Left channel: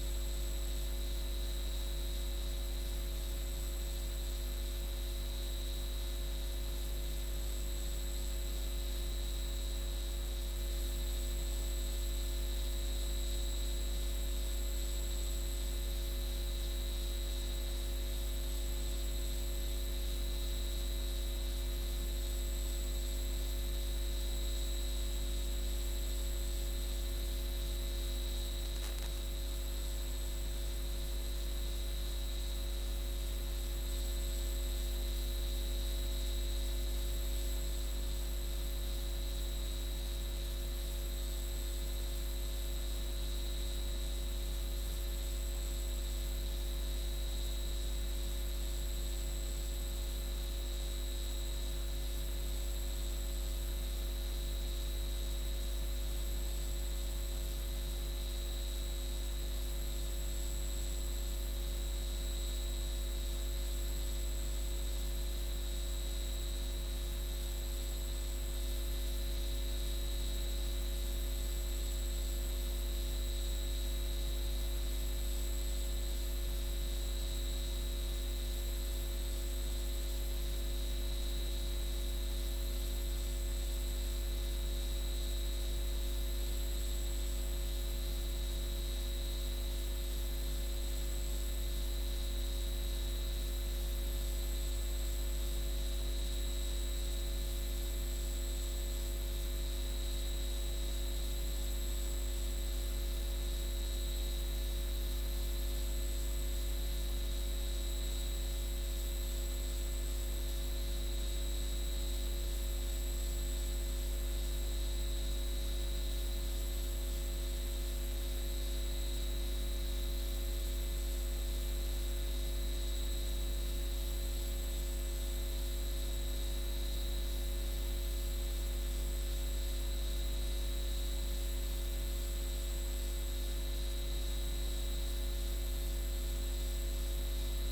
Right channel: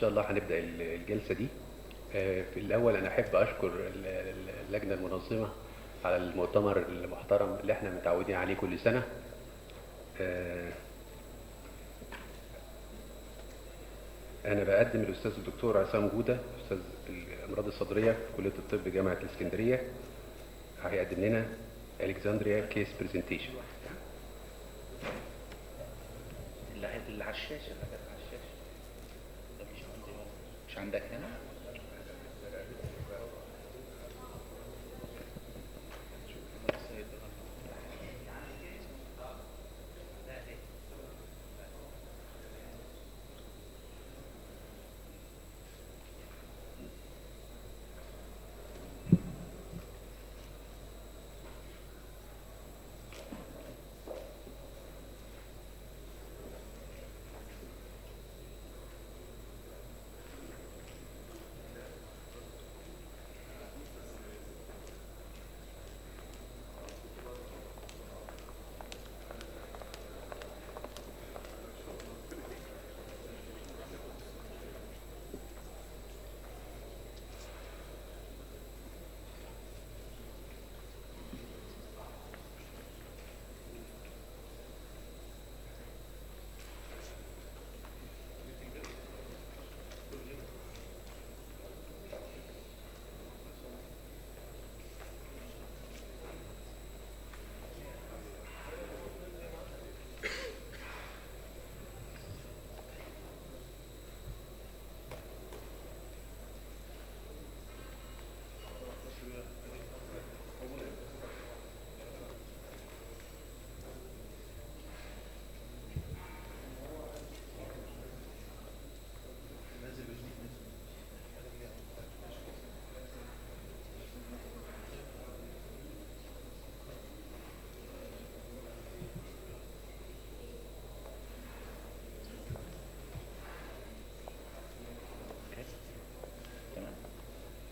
شاء الله هنبدأ الجلسة دي. في الأول أنا أحب أشكر اللجنة المنظمة على المؤتمر المحترم اللي احنا متعودين عليه كل سنة. أنا بقدم الأستاذ الدكتور عصام جودة، أستاذ الأمراض الصدرية في كلية الطب جامعة الإسكندرية. هيقدم لنا ألكسندريا كيس برزنتيشن. اللي على الشاشة مش عندك هنا؟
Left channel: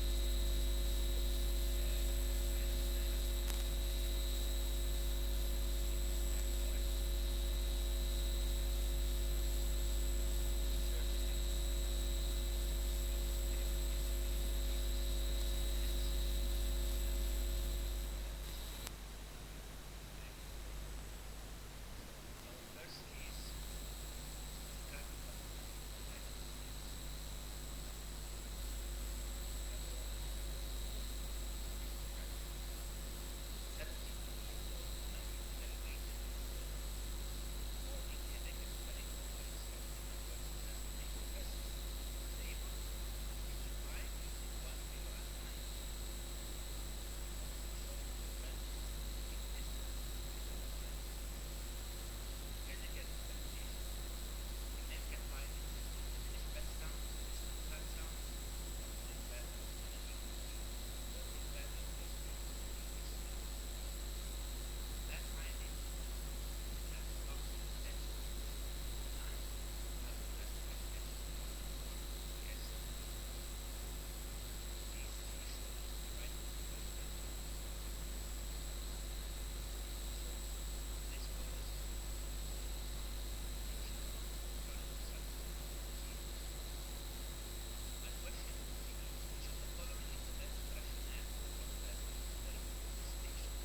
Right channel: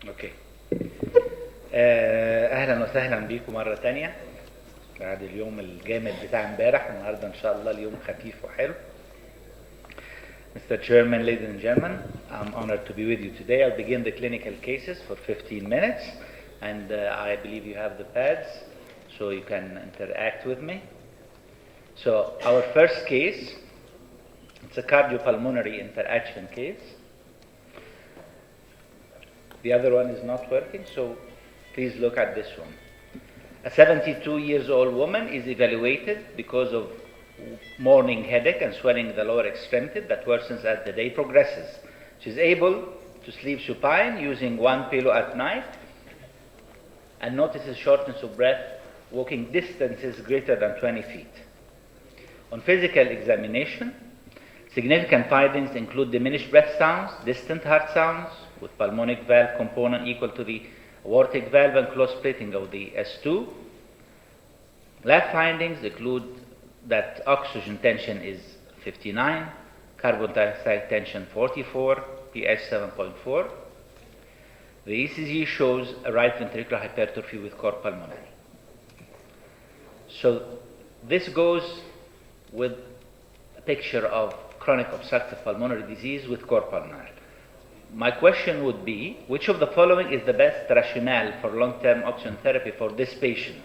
اوكي. اهلا وسهلا بيكم مره تانية بعد اليوم الجامد بتاع امبارح. النهارده ان شاء الله اليوم خفيف وحلو. Mr. Chairman, ladies and gentlemen, I'm honored to be with you today. I'll begin the clinical cases for 15 minutes, and I believe you have the pads so you can interact with me. So our first case, it's a cardiopulmonary interaction case. The other one is not working, so please look at this one. A 72-year-old woman is evaluated because of morning headache and swelling in the lower extremity that worsens as the day progresses. She's able to sleep supine using one pillow at night and notices shortness of breath, walking distances greater than 20 feet. On physical examination, significant findings include diminished breath sounds, distant heart sounds, with pulmonic valve component equal to the aortic valve and close splitting of the S2. Lab findings include that oxygen tension is 59, carbon dioxide tension 44, pH 7.4. The ECG shows a right ventricular hypertrophy with cor pulmonale. So this goes with a picture of chronic obstructive pulmonary disease with cor pulmonale. My question would be, which of the following is the best rationale for long-term oxygen therapy for this patient?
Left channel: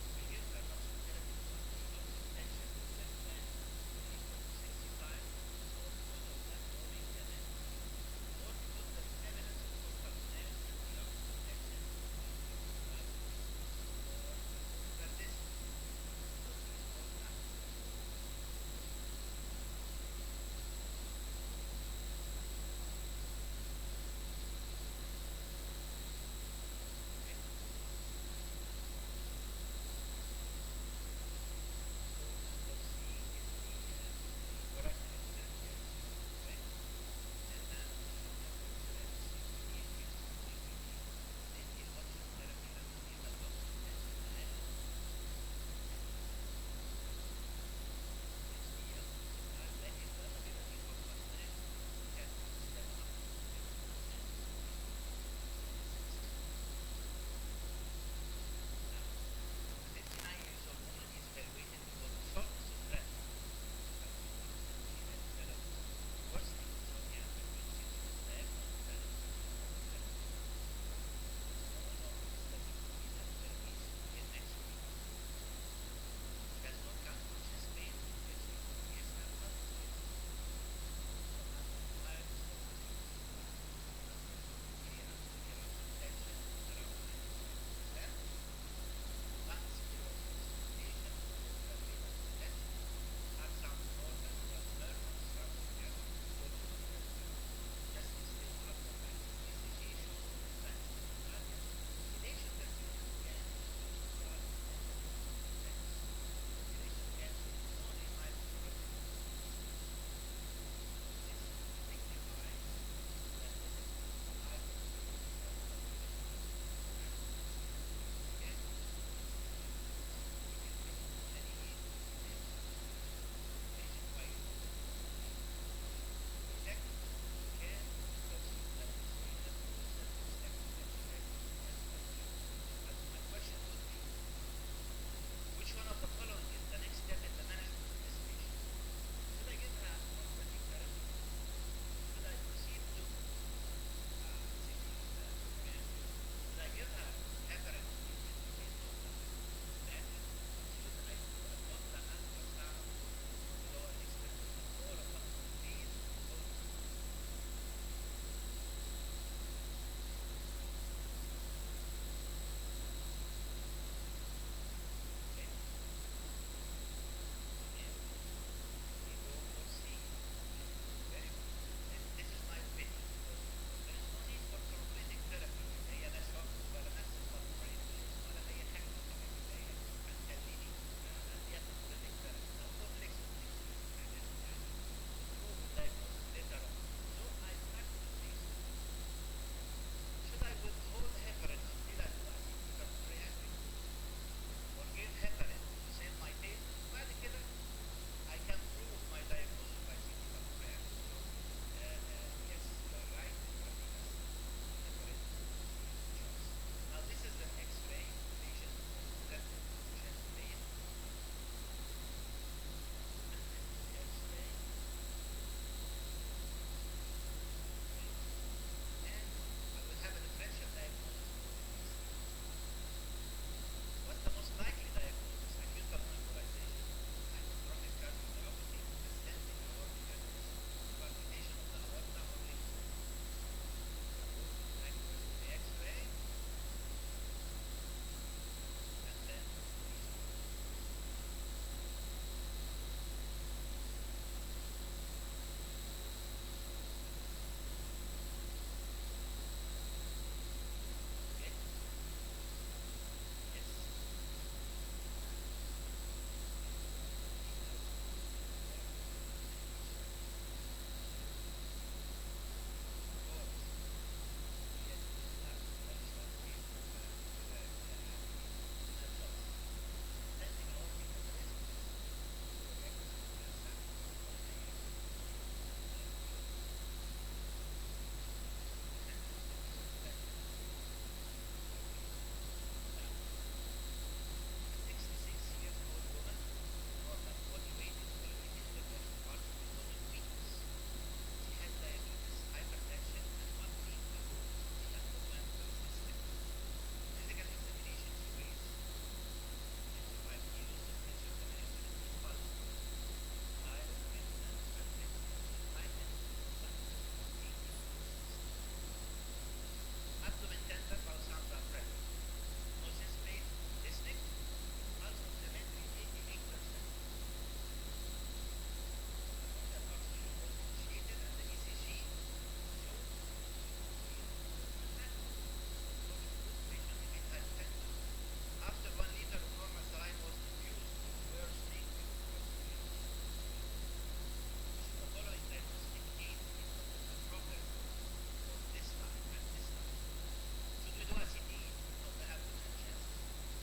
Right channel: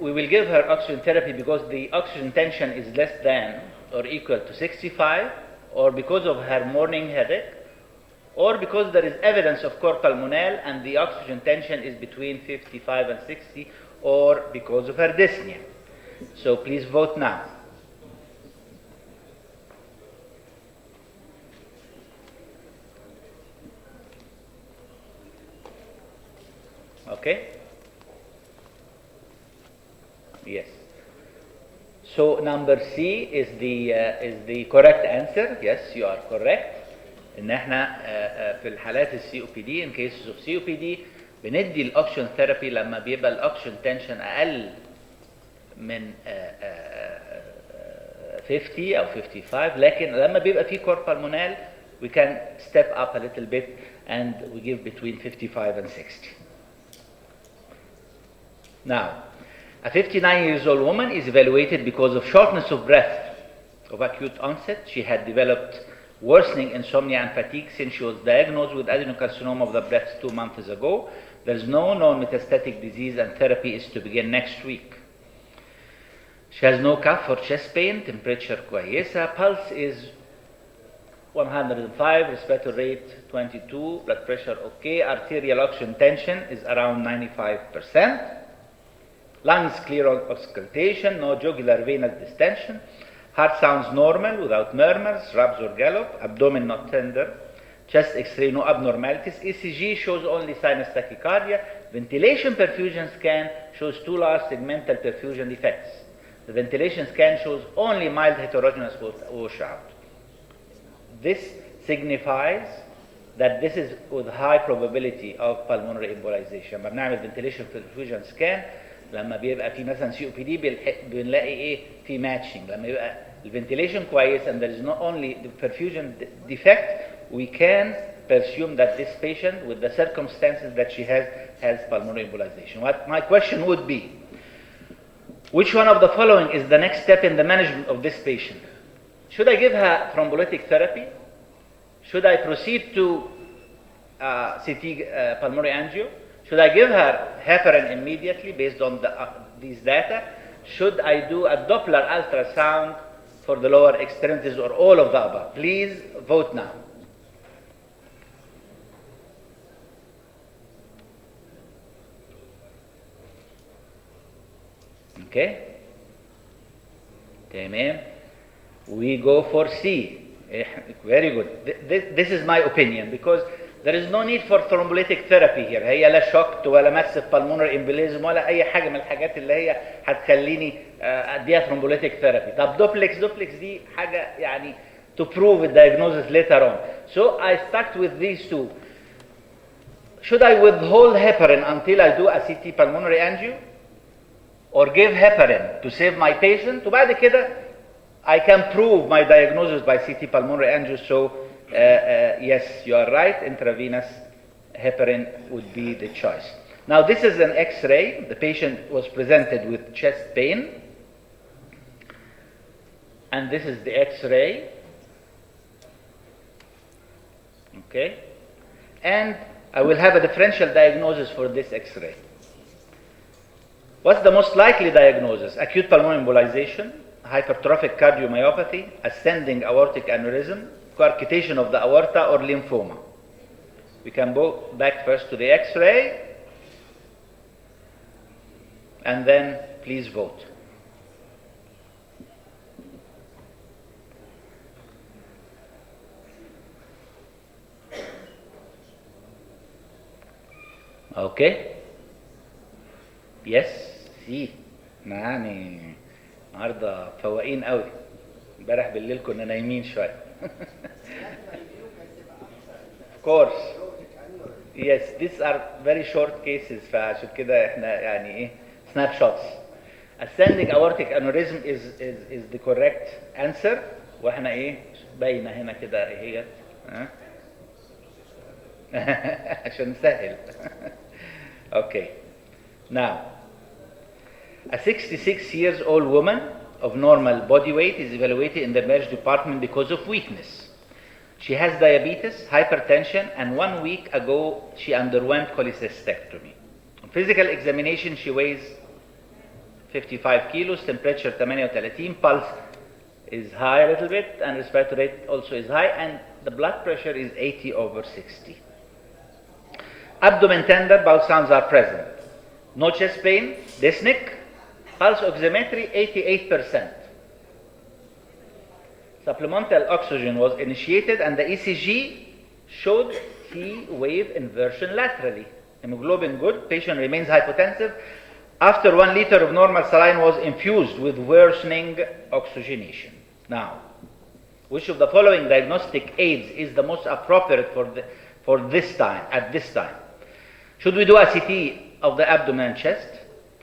We will give her oxygen therapy because the oxygen tension is less than or equal to 65, or because of her morning headache, or because there is evidence of cor pulmonale and the oxygen tension is between 55 and 60, or because of her dyspnea. So please vote now. Okay? Yes. So number C is the correct answer. Yes, you are correct. ان احنا في الحالات السي او بي دي in cases of COPD بندي الاوكسجين ثيرابي لما بيبقى الاوكسجين تنشن اقل من 50 او 55، لكن لما بيبقى في كور بالمونال we can step up a little bit and we give between 55 and 60. Now, a 59-year-old woman is evaluated because of shortness of breath of acute onset. She had developed worsening insomnia and fatigue since she was diagnosed with adenocarcinoma of the breast 2 months ago. There's no known metastatic disease and therapy is to begin next week. She has no cough or chest pain, temperature كويسة, pulse is 105, respiratory rate 22, blood pressure okay, arterial oxygen tension is around 95%, lungs clear of auscultation, no jugular venous distension, heart sounds normal without murmurs, rubs or gallop, abdomen not tender, chest x-ray no abnormalities, ECG shows only sinus tachycardia, ventilation perfusion scan shows 2 large segmental perfusion defects. The ventilation scan shows only mild heterogeneous washout. This signifies that this is with high probability of pulmonary embolization. لما بنعمل ventilation perfusion scan لما بيبقى في مثلا COPD بنلاقي ايه في matching. لما يبقى ventilation كويس and there is not only the perfusion defect, we can presume that this patient with the circumstances that she has pulmonary embolization. What my question would be, which one of the following is the next step in the management of this patient? Should I give her thrombolytic therapy? Should I proceed to CT pulmonary angio? Should I give her heparin immediately based on these data? Should I do a Doppler ultrasound for the lower extremities or all of the above? Please vote now. Okay? Tamam. We go for C. Very good. This is my opinion because there is no need for thrombolytic therapy here. هي لا shocked ولا massive pulmonary embolism ولا أي حاجة من الحاجات اللي هي هتخليني أديها thrombolytic therapy. طب دوبلكس دي حاجة يعني to prove the diagnosis later on. So I start with these two. Should I withhold heparin until I do a CT pulmonary angio? Or give heparin to save my patient? وبعد كده I can prove my diagnosis by CT pulmonary angio. So yes, you are right, intravenous heparin would be the choice. Now this is an X-ray. The patient was presented with chest pain. And this is the X-ray. Okay. And I will have a differential diagnosis for this X-ray. What's the most likely diagnosis? Acute pulmonary embolization, hypertrophic cardiomyopathy, ascending aortic aneurysm, coarctation of the aorta, or lymphoma. We can go back first to the X-ray, and then please vote. Okay? Yes, see. يعني النهارده فواقين قوي. امبارح بالليل كنا نايمين شويه. Of course. Yes, these are very short cases فعشان كده احنا يعني ايه snapshots. Ascending aortic aneurysm is the correct answer واحنا ايه باينه هنا كده هي عشان نسهل. Okay. Now, a 66-year-old woman of normal body weight is evaluated in the emergency department because of weakness. She has diabetes, hypertension, and 1 week ago she underwent cholecystectomy. On physical examination, she weighs 55 kilos, temperature 38, pulse is high a little bit, and respiratory rate also is high, and the blood pressure is 80/60. Abdomen tender, bowel sounds are present. No chest pain, dyspneic, pulse oximetry 88%. Supplemental oxygen was initiated and the ECG showed T wave inversion laterally. Hemoglobin good, patient remains hypotensive. After 1 liter of normal saline was infused with worsening oxygenation. Now, which of the following diagnostic aids is the most appropriate for this time, at this time? Should we do a CT of the abdomen and chest?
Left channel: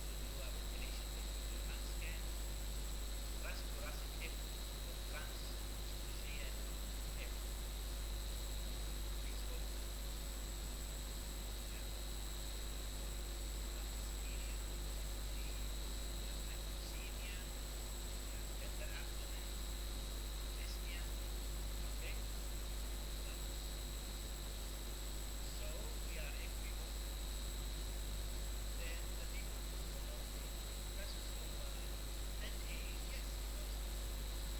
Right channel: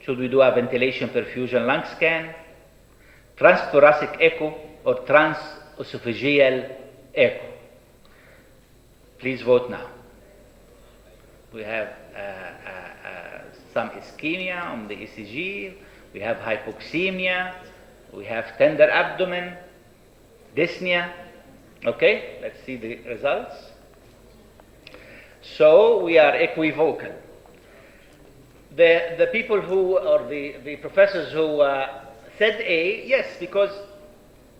Should we do a ventilation perfusion lung scan, transthoracic echo, or transesophageal echo? Please vote now. We have some ischemia on the ECG, we have hypoxemia, we have tender abdomen, dyspnea, Okay, let's see the results. So we are equivocal. The people who, or the professors who said A, yes, because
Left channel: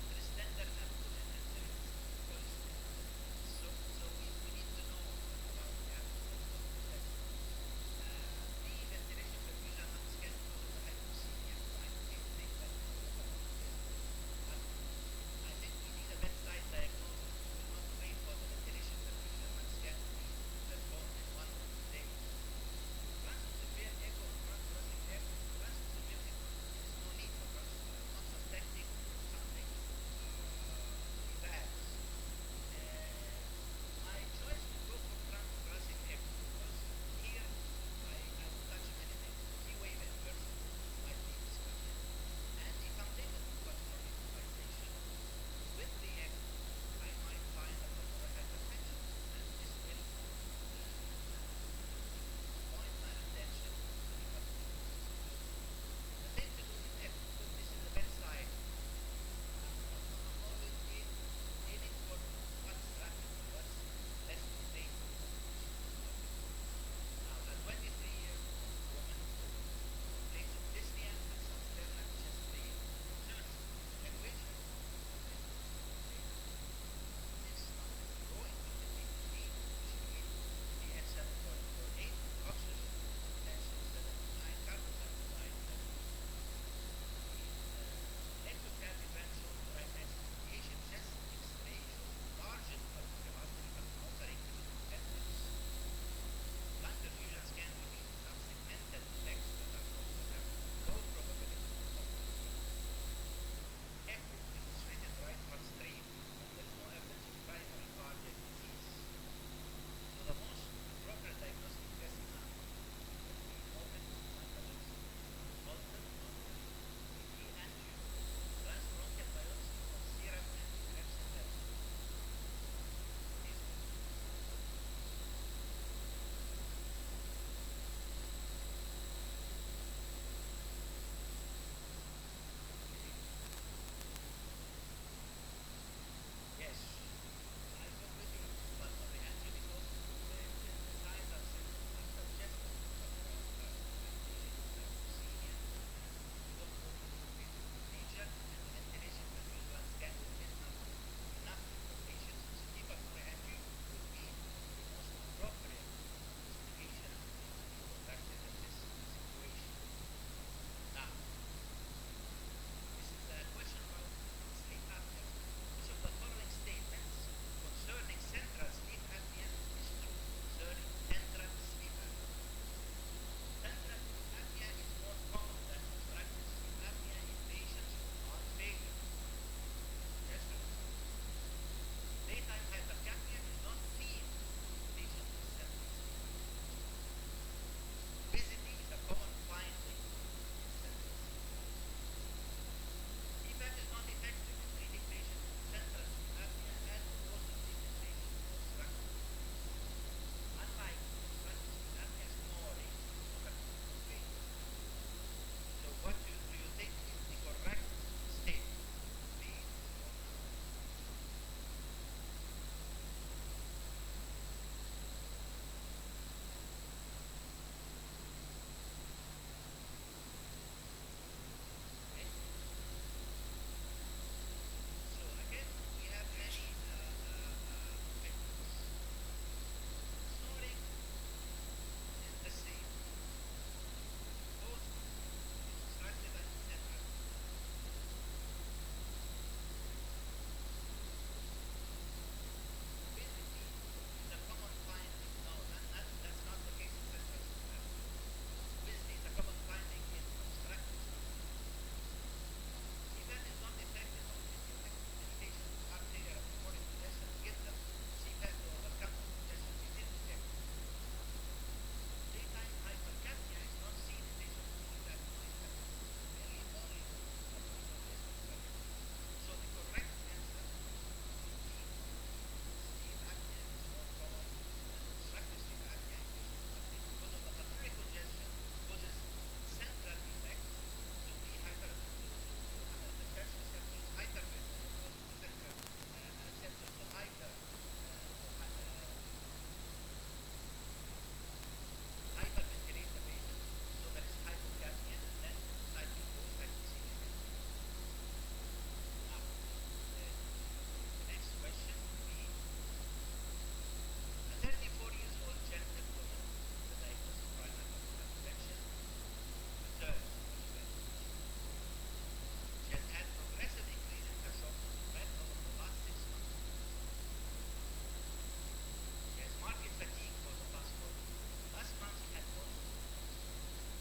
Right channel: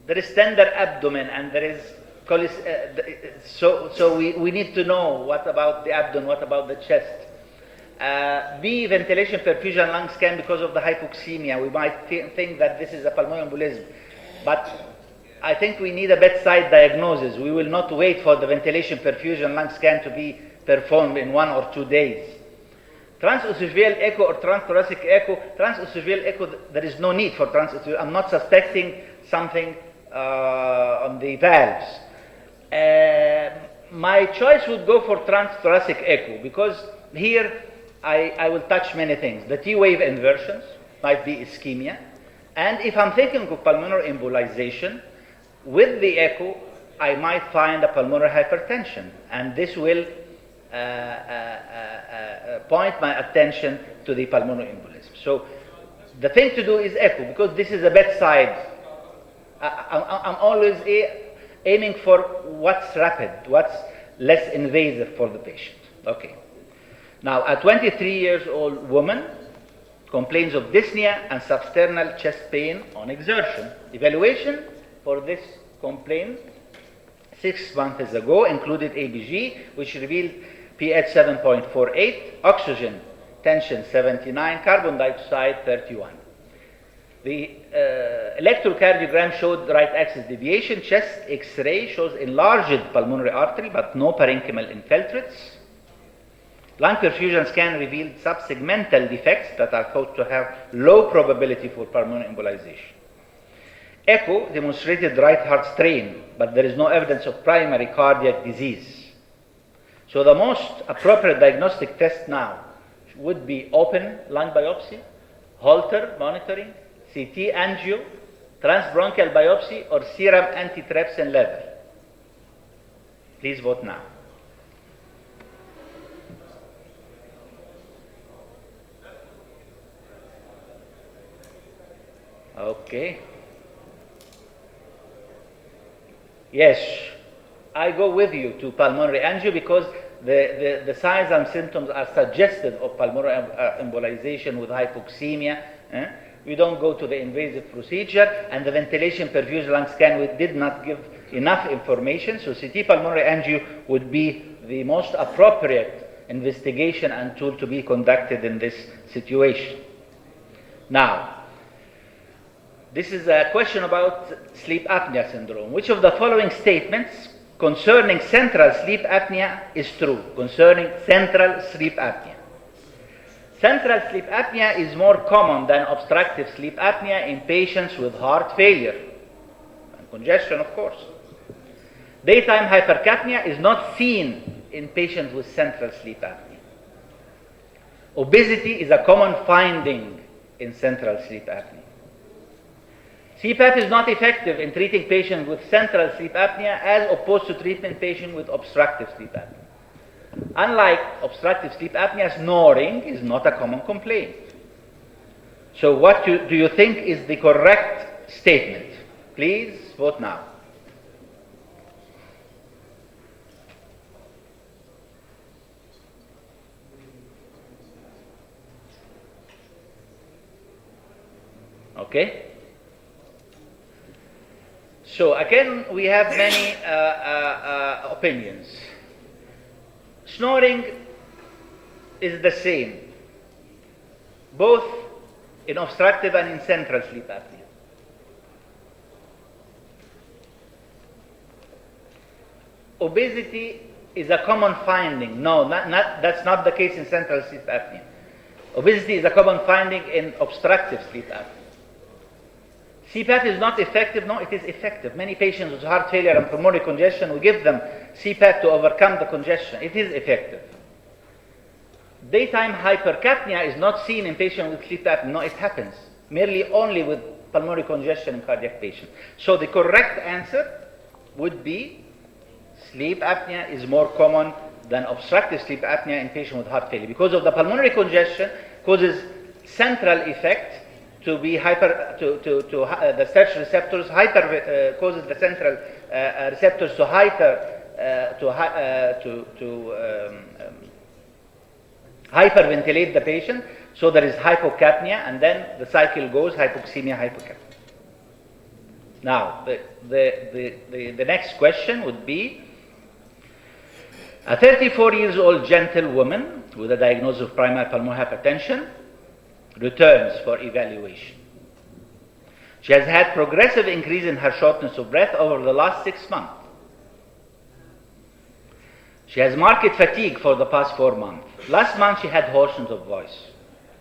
there is tender abdomen and there is so we need to know what about the abdomen, what about the chest. B, ventilation, perfusion, lung scan because of the hypoxemia. We might think that this is a pulmonary embolism, but I think we need a bedside diagnosis. We will not wait for the ventilation, perfusion, lung scan to be performed in 1 or 2 days. Transesophageal echo or transthoracic echo. Transesophageal echo, there is no need for transesophageal. I'm not suspecting something on the valves. My choice would go for transthoracic echo because here I will touch many things. The T-wave inversions might be ischemia. And if I'm thinking of pulmonary embolization, with the echo, I might find a pulmonary hypertension. And this will point my attention to the pulmonary embolism. So the thing to do is echo because this is a bedside. I'm always aiming for what's rapid, what's less invasive for the patient. Okay. Now, a 23-year-old woman complains of dyspnea and substernal chest pain on exertion. Evaluation for this complaint 6 months ago included ABG, which revealed pH 7.48, oxygen tension 79, carbon dioxide 31. The electrocardiogram showed right axis deviation. Chest X-ray shows enlarged pulmonary artery but no parenchymal infiltrates. Lung perfusion scan revealed subsegmental defects that are thought to have low probability for pulmonary embolization. Echo demonstrated right heart strain, but there is no evidence of primary cardiac disease. So the most appropriate diagnostic test now would be open lung biopsy, Holter monitoring, CT angio, transbronchial biopsy, or serum antitrypsin level. Please vote now. Okay. Yes, I go with you to pulmonary angio because the signs and symptoms are suggestive of pulmonary embolization with hypoxemia. We don't go to the invasive procedure, and the ventilation perfusion lung scan, we did not give enough information, so CT pulmonary angio would be the most appropriate investigation and tool to be conducted in this situation. Now, this is a question about sleep apnea syndrome. Which of the following statements concerning central sleep apnea is true? Concerning central sleep apnea. Central sleep apnea is more common than obstructive sleep apnea in patients with heart failure and congestion, of course. Daytime hypercapnia is not seen in patients with central sleep apnea. Obesity is a common finding in central sleep apnea. CPAP is not effective in treating patients with central sleep apnea as opposed to treating patients with obstructive sleep apnea. Unlike obstructive sleep apnea, snoring is not a common complaint. So what do you think is the correct statement? Please vote now. Okay. So again, we have many opinions. Snoring is the same, both in obstructive and in central sleep apnea. Obesity is a common finding. No, that's not the case in central sleep apnea. Obesity is a common finding in obstructive sleep apnea. CPAP is not effective. No, it is effective. Many patients with heart failure and pulmonary congestion, we give them CPAP to overcome the congestion. It is effective. Daytime hypercapnia is not seen in patients with sleep apnea. No, it happens. Merely only with pulmonary congestion in cardiac patients. So the correct answer would be sleep apnea is more common than obstructive sleep apnea in patients with heart failure. Because of the pulmonary congestion causes central effect to be the search receptors, causes the central receptors to hyperventilate the patient, so there is hypocapnia, and then the cycle goes hypoxemia, hypocapnia. Now, the next question would be, a 34-year-old gentle woman with a diagnosis of primary pulmonary hypertension returns for evaluation. She has had progressive increase in her shortness of breath over the last 6 months. She has marked fatigue for the past 4 months. Last month she had hoarseness of voice.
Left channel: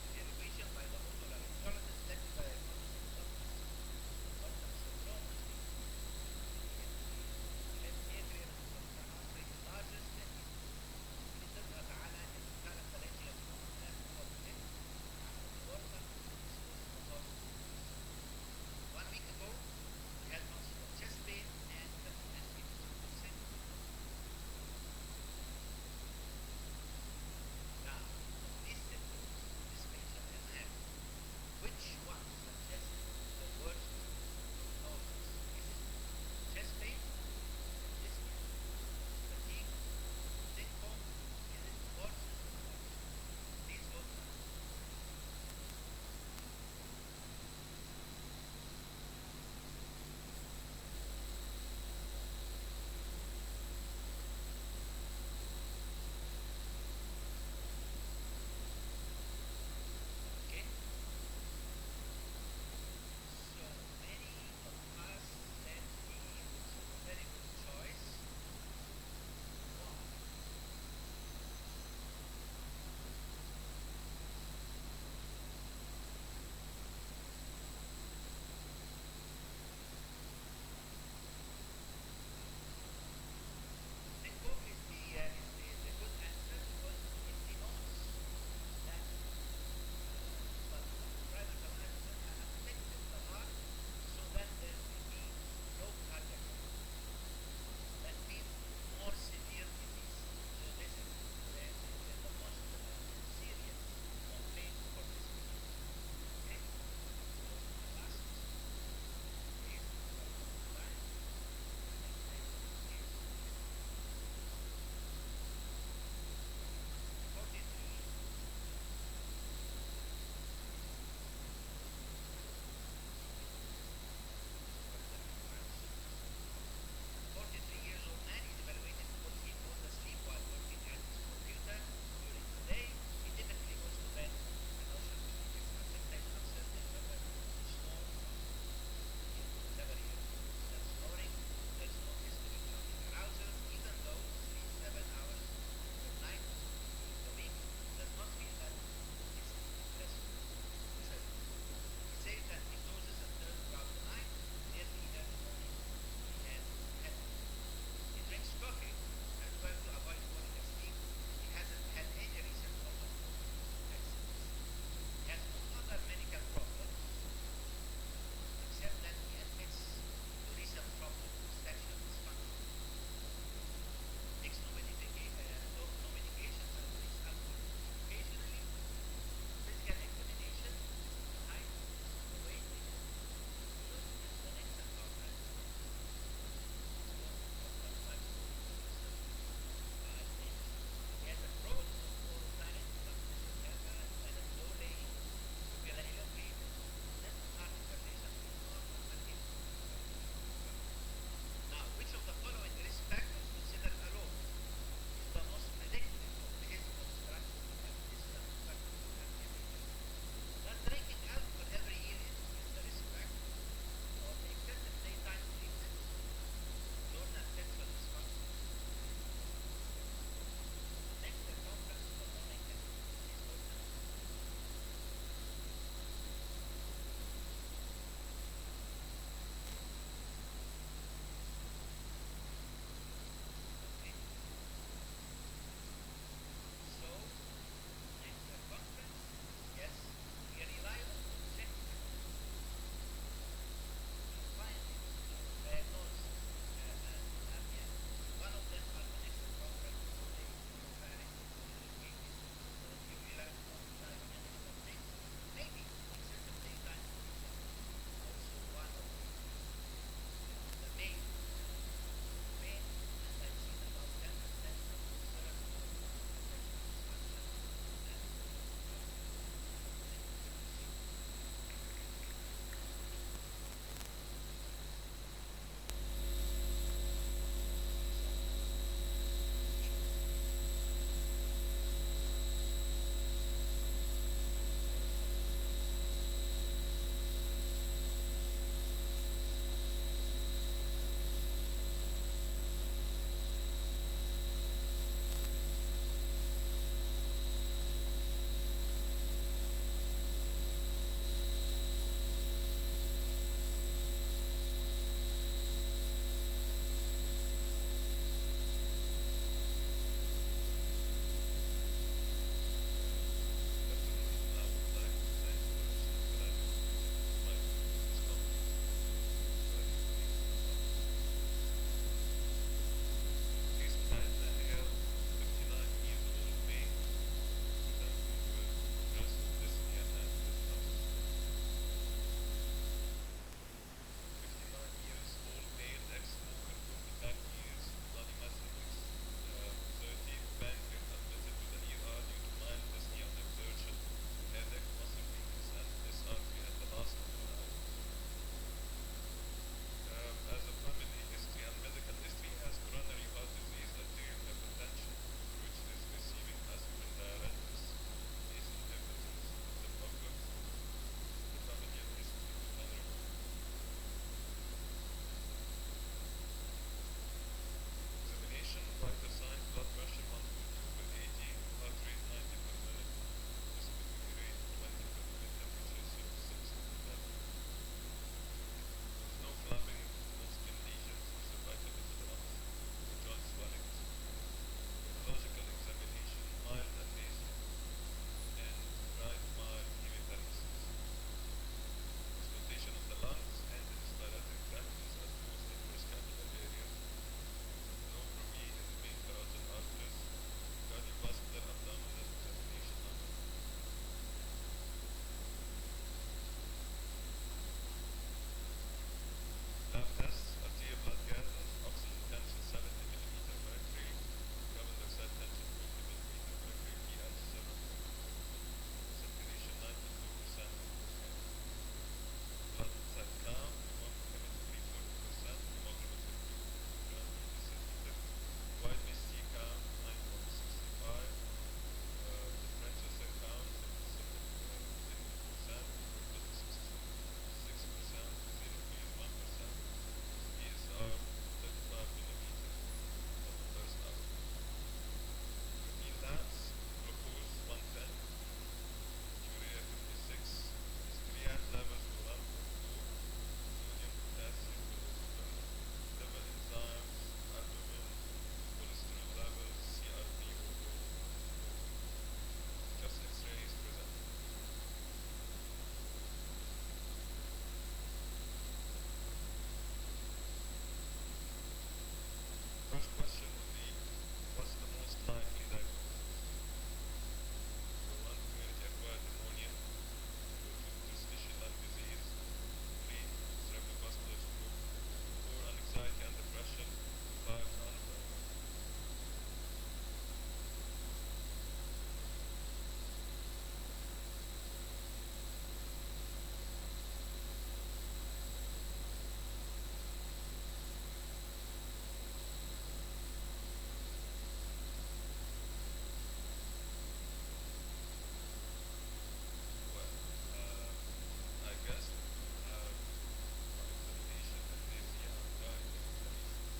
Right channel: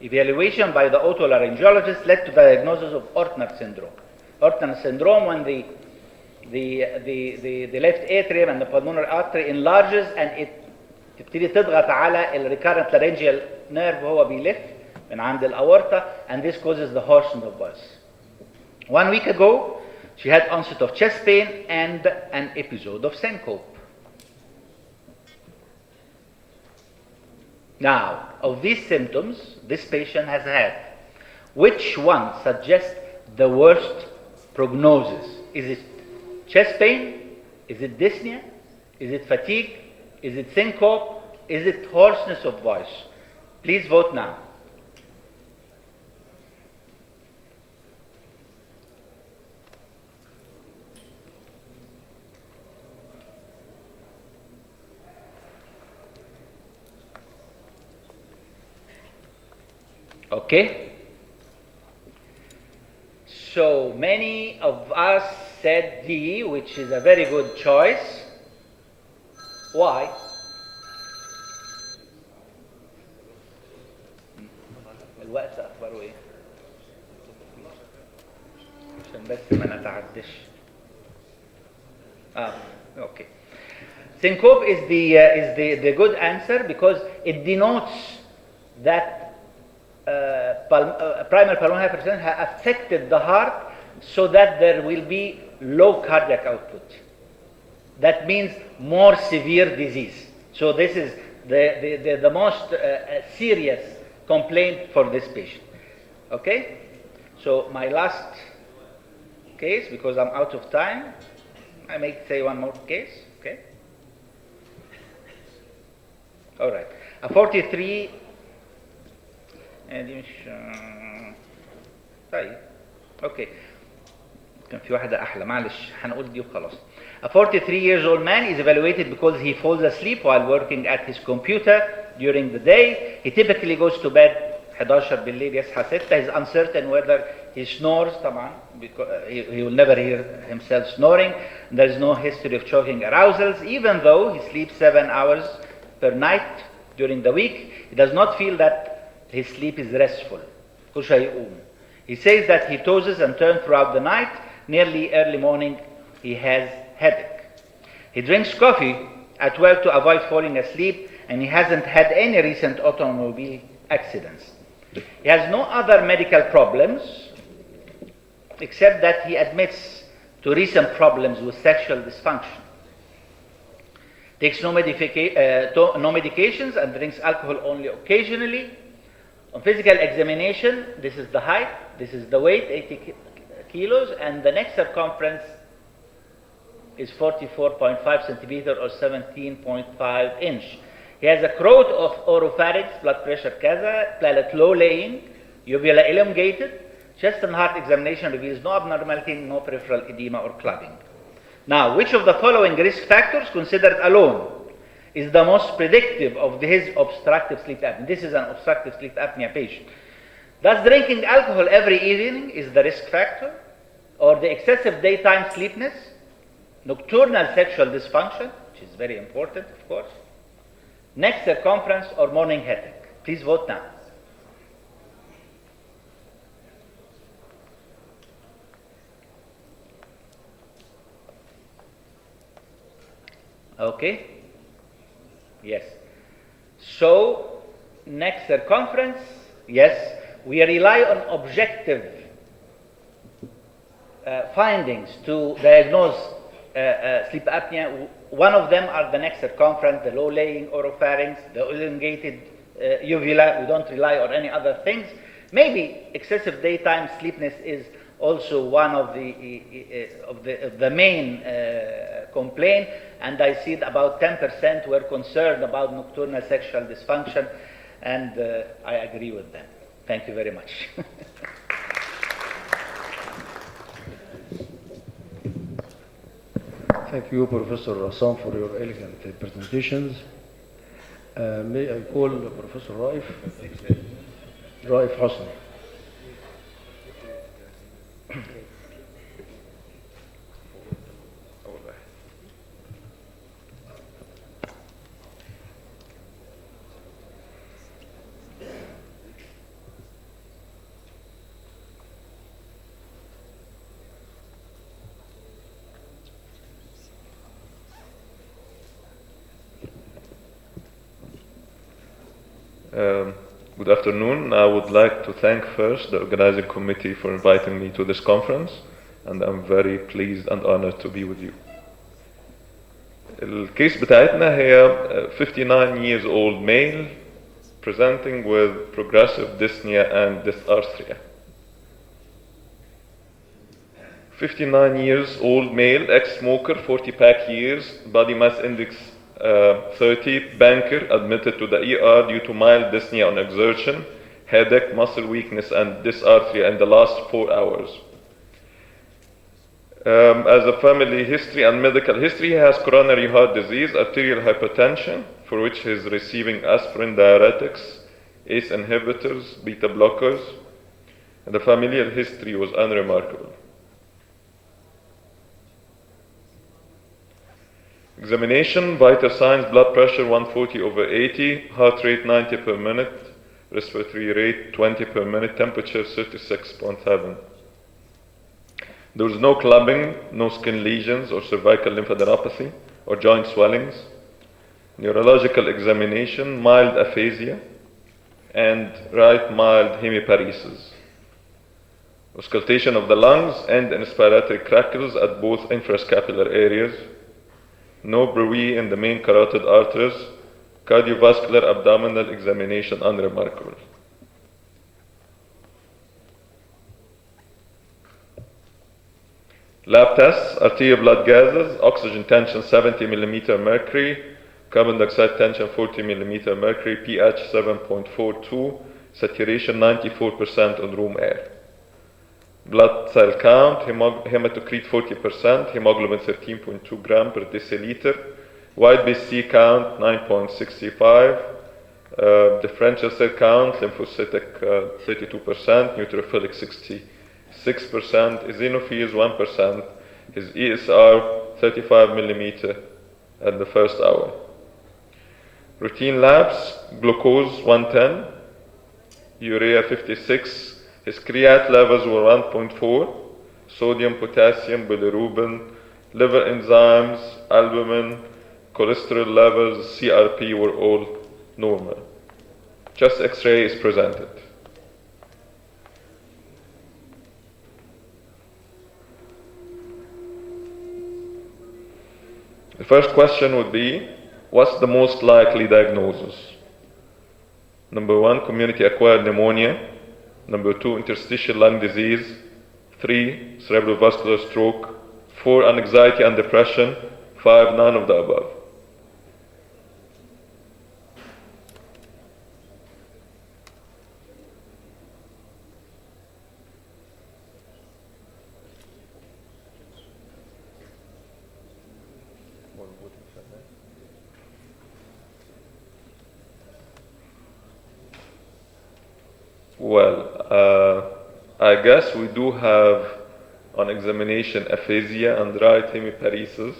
Evaluation by the otolaryngologist led to diagnosis of Ortner syndrome. Ortner syndrome, when the left atrium and the pulmonary artery enlarges and it تبتدي تضغط على ال recurrent laryngeal nerve وهو بيلف من عند الأورطة, and this causes the hoarseness of voice. 1 week ago, she had onset of chest pain and an episode of syncope. Now, of these symptoms this patient has had, which one suggests the worst prognosis? Is it chest pain? Is it dyspnea? Is it fatigue? Is it syncope? Is it hoarseness of voice? Please vote now. Okay. So many of us said D, which is a very good choice. Why? الوقت أخباره إيه؟ عشان بس ما نتعدش. Okay. Syncope is the good answer because it denotes that primary pulmonary hypertension has affected the heart so that there will be low cardiac output. That means more severe disease. So this is the most serious complaint for this patient. Okay? So my last case, because I'm out of time, I may say one more case. Okay? All right. A 43 طيب اوكي كان في واحده احلى معلش هنقول دي وخلاص. A 43-year-old man is evaluated because he falls asleep while working at his computer during the day. He typically goes to bed 11 بالليل يصحى 6. He's uncertain whether he snores طبعا because he will never hear himself snoring. There is no history of choking arousals. Even though he sleeps 7 hours per night during the week, he does not feel that his sleep is restful. He says that he tosses and turns throughout the night. Nearly early morning, he has headache. He drinks coffee at 12 to avoid falling asleep, and he hasn't had any recent automobile accidents. He has no other medical problems, except that he admits to recent problems with sexual dysfunction. Takes no medications and drinks alcohol only occasionally. On physical examination, this is the height, this is the weight, 80 kilos, and the neck circumference is 44.5 centimeter or 17.5 inch. He has a crowd of oropharynx, blood pressure kaza, palate low laying, uvula elongated. Chest and heart examination reveals no abnormality, no peripheral edema or clogging. Now, which of the following risk factors considered alone is the most predictive of his obstructive sleep apnea? This is an obstructive sleep apnea patient. Does drinking alcohol every evening is the risk factor? Or the excessive daytime sleepiness? Nocturnal sexual dysfunction, which is very important, of course. Neck circumference or morning headache? Please vote now. Okay? Yes. So, neck circumference, yes. We rely on objective findings to diagnose sleep apnea. One of them are the neck circumference, the low laying oropharynx, the elongated uvula. We don't rely on any other things. Maybe excessive daytime sleepiness is also one of the main complaint, and I see that about 10% were concerned about nocturnal sexual dysfunction, and I agree with them. Thank you very much. Thank you, Professor Rassam, for your elegant presentations. May I call Professor Raif Hosni. Good afternoon. I would like to thank first the organizing committee for inviting me to this conference, and I'm very pleased and honored to be with you. الكيس بتاعتنا هي 59 years old male presenting with progressive dyspnea and dysarthria. 59 years old male, ex-smoker, 40-pack years, body mass index 30, banker, admitted to the ER due to mild dyspnea on exertion, headache, muscle weakness, and dysarthria in the last 4 hours. As a family history and medical history, he has coronary heart disease, arterial hypertension, for which he is receiving aspirin, diuretics, ACE inhibitors, beta blockers, and the familial history was unremarkable. Examination, vital signs, blood pressure 140/80, heart rate 90 per minute, respiratory rate 20 per minute, temperature 36.7. There was no clubbing, no skin lesions or cervical lymphadenopathy or joint swellings. Neurological examination, mild aphasia and right mild hemiparesis. Auscultation of the lungs and inspiratory crackles at both infrascapular areas. No bruit in the main carotid arteries. Cardiovascular abdominal examination unremarkable. Lab tests, arterial blood gases, oxygen tension 70 millimeter mercury, carbon dioxide tension 40 millimeter mercury, pH 7.42, saturation 94% on room air. Blood cell count, hematocrit 40%, hemoglobin 13.2 gram per deciliter, white BC count 9.65, differential cell count, lymphocytic 32%, neutrophilic 66%, eosinophils 1%, his ESR 35 millimeter at the first hour. Routine labs, glucose 110, urea 56, his creat levels were 1.4, sodium, potassium, bilirubin, liver enzymes, albumin, cholesterol levels, CRP were all normal. Chest X-ray is presented. The first question would be, what's the most likely diagnosis? Number 1, community-acquired pneumonia. Number 2, interstitial lung disease. 3, cerebrovascular stroke. 4, anxiety and depression. 5, none of the above. Well, I guess we do have on examination aphasia and right hemiparesis,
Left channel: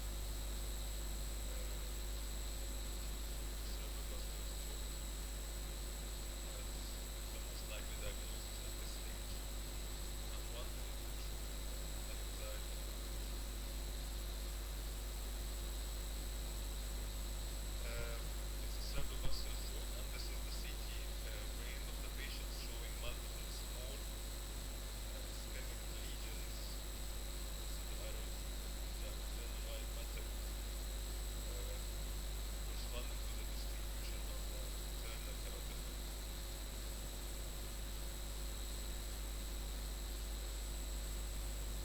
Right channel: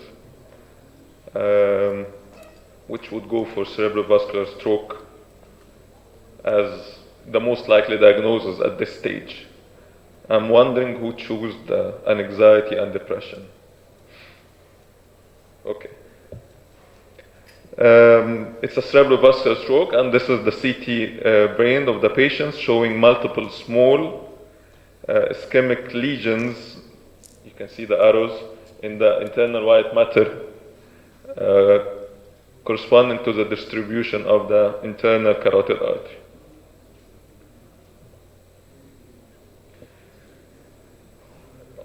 which would go for cerebrovascular stroke as the most likely diagnosis at this stage. I'm wondering who chose the anxiety and depression. Okay. It's a cerebrovascular stroke, and this is the CT brain of the patient showing multiple small ischemic lesions. You can see the arrows in the internal white matter corresponding to the distribution of the internal carotid artery.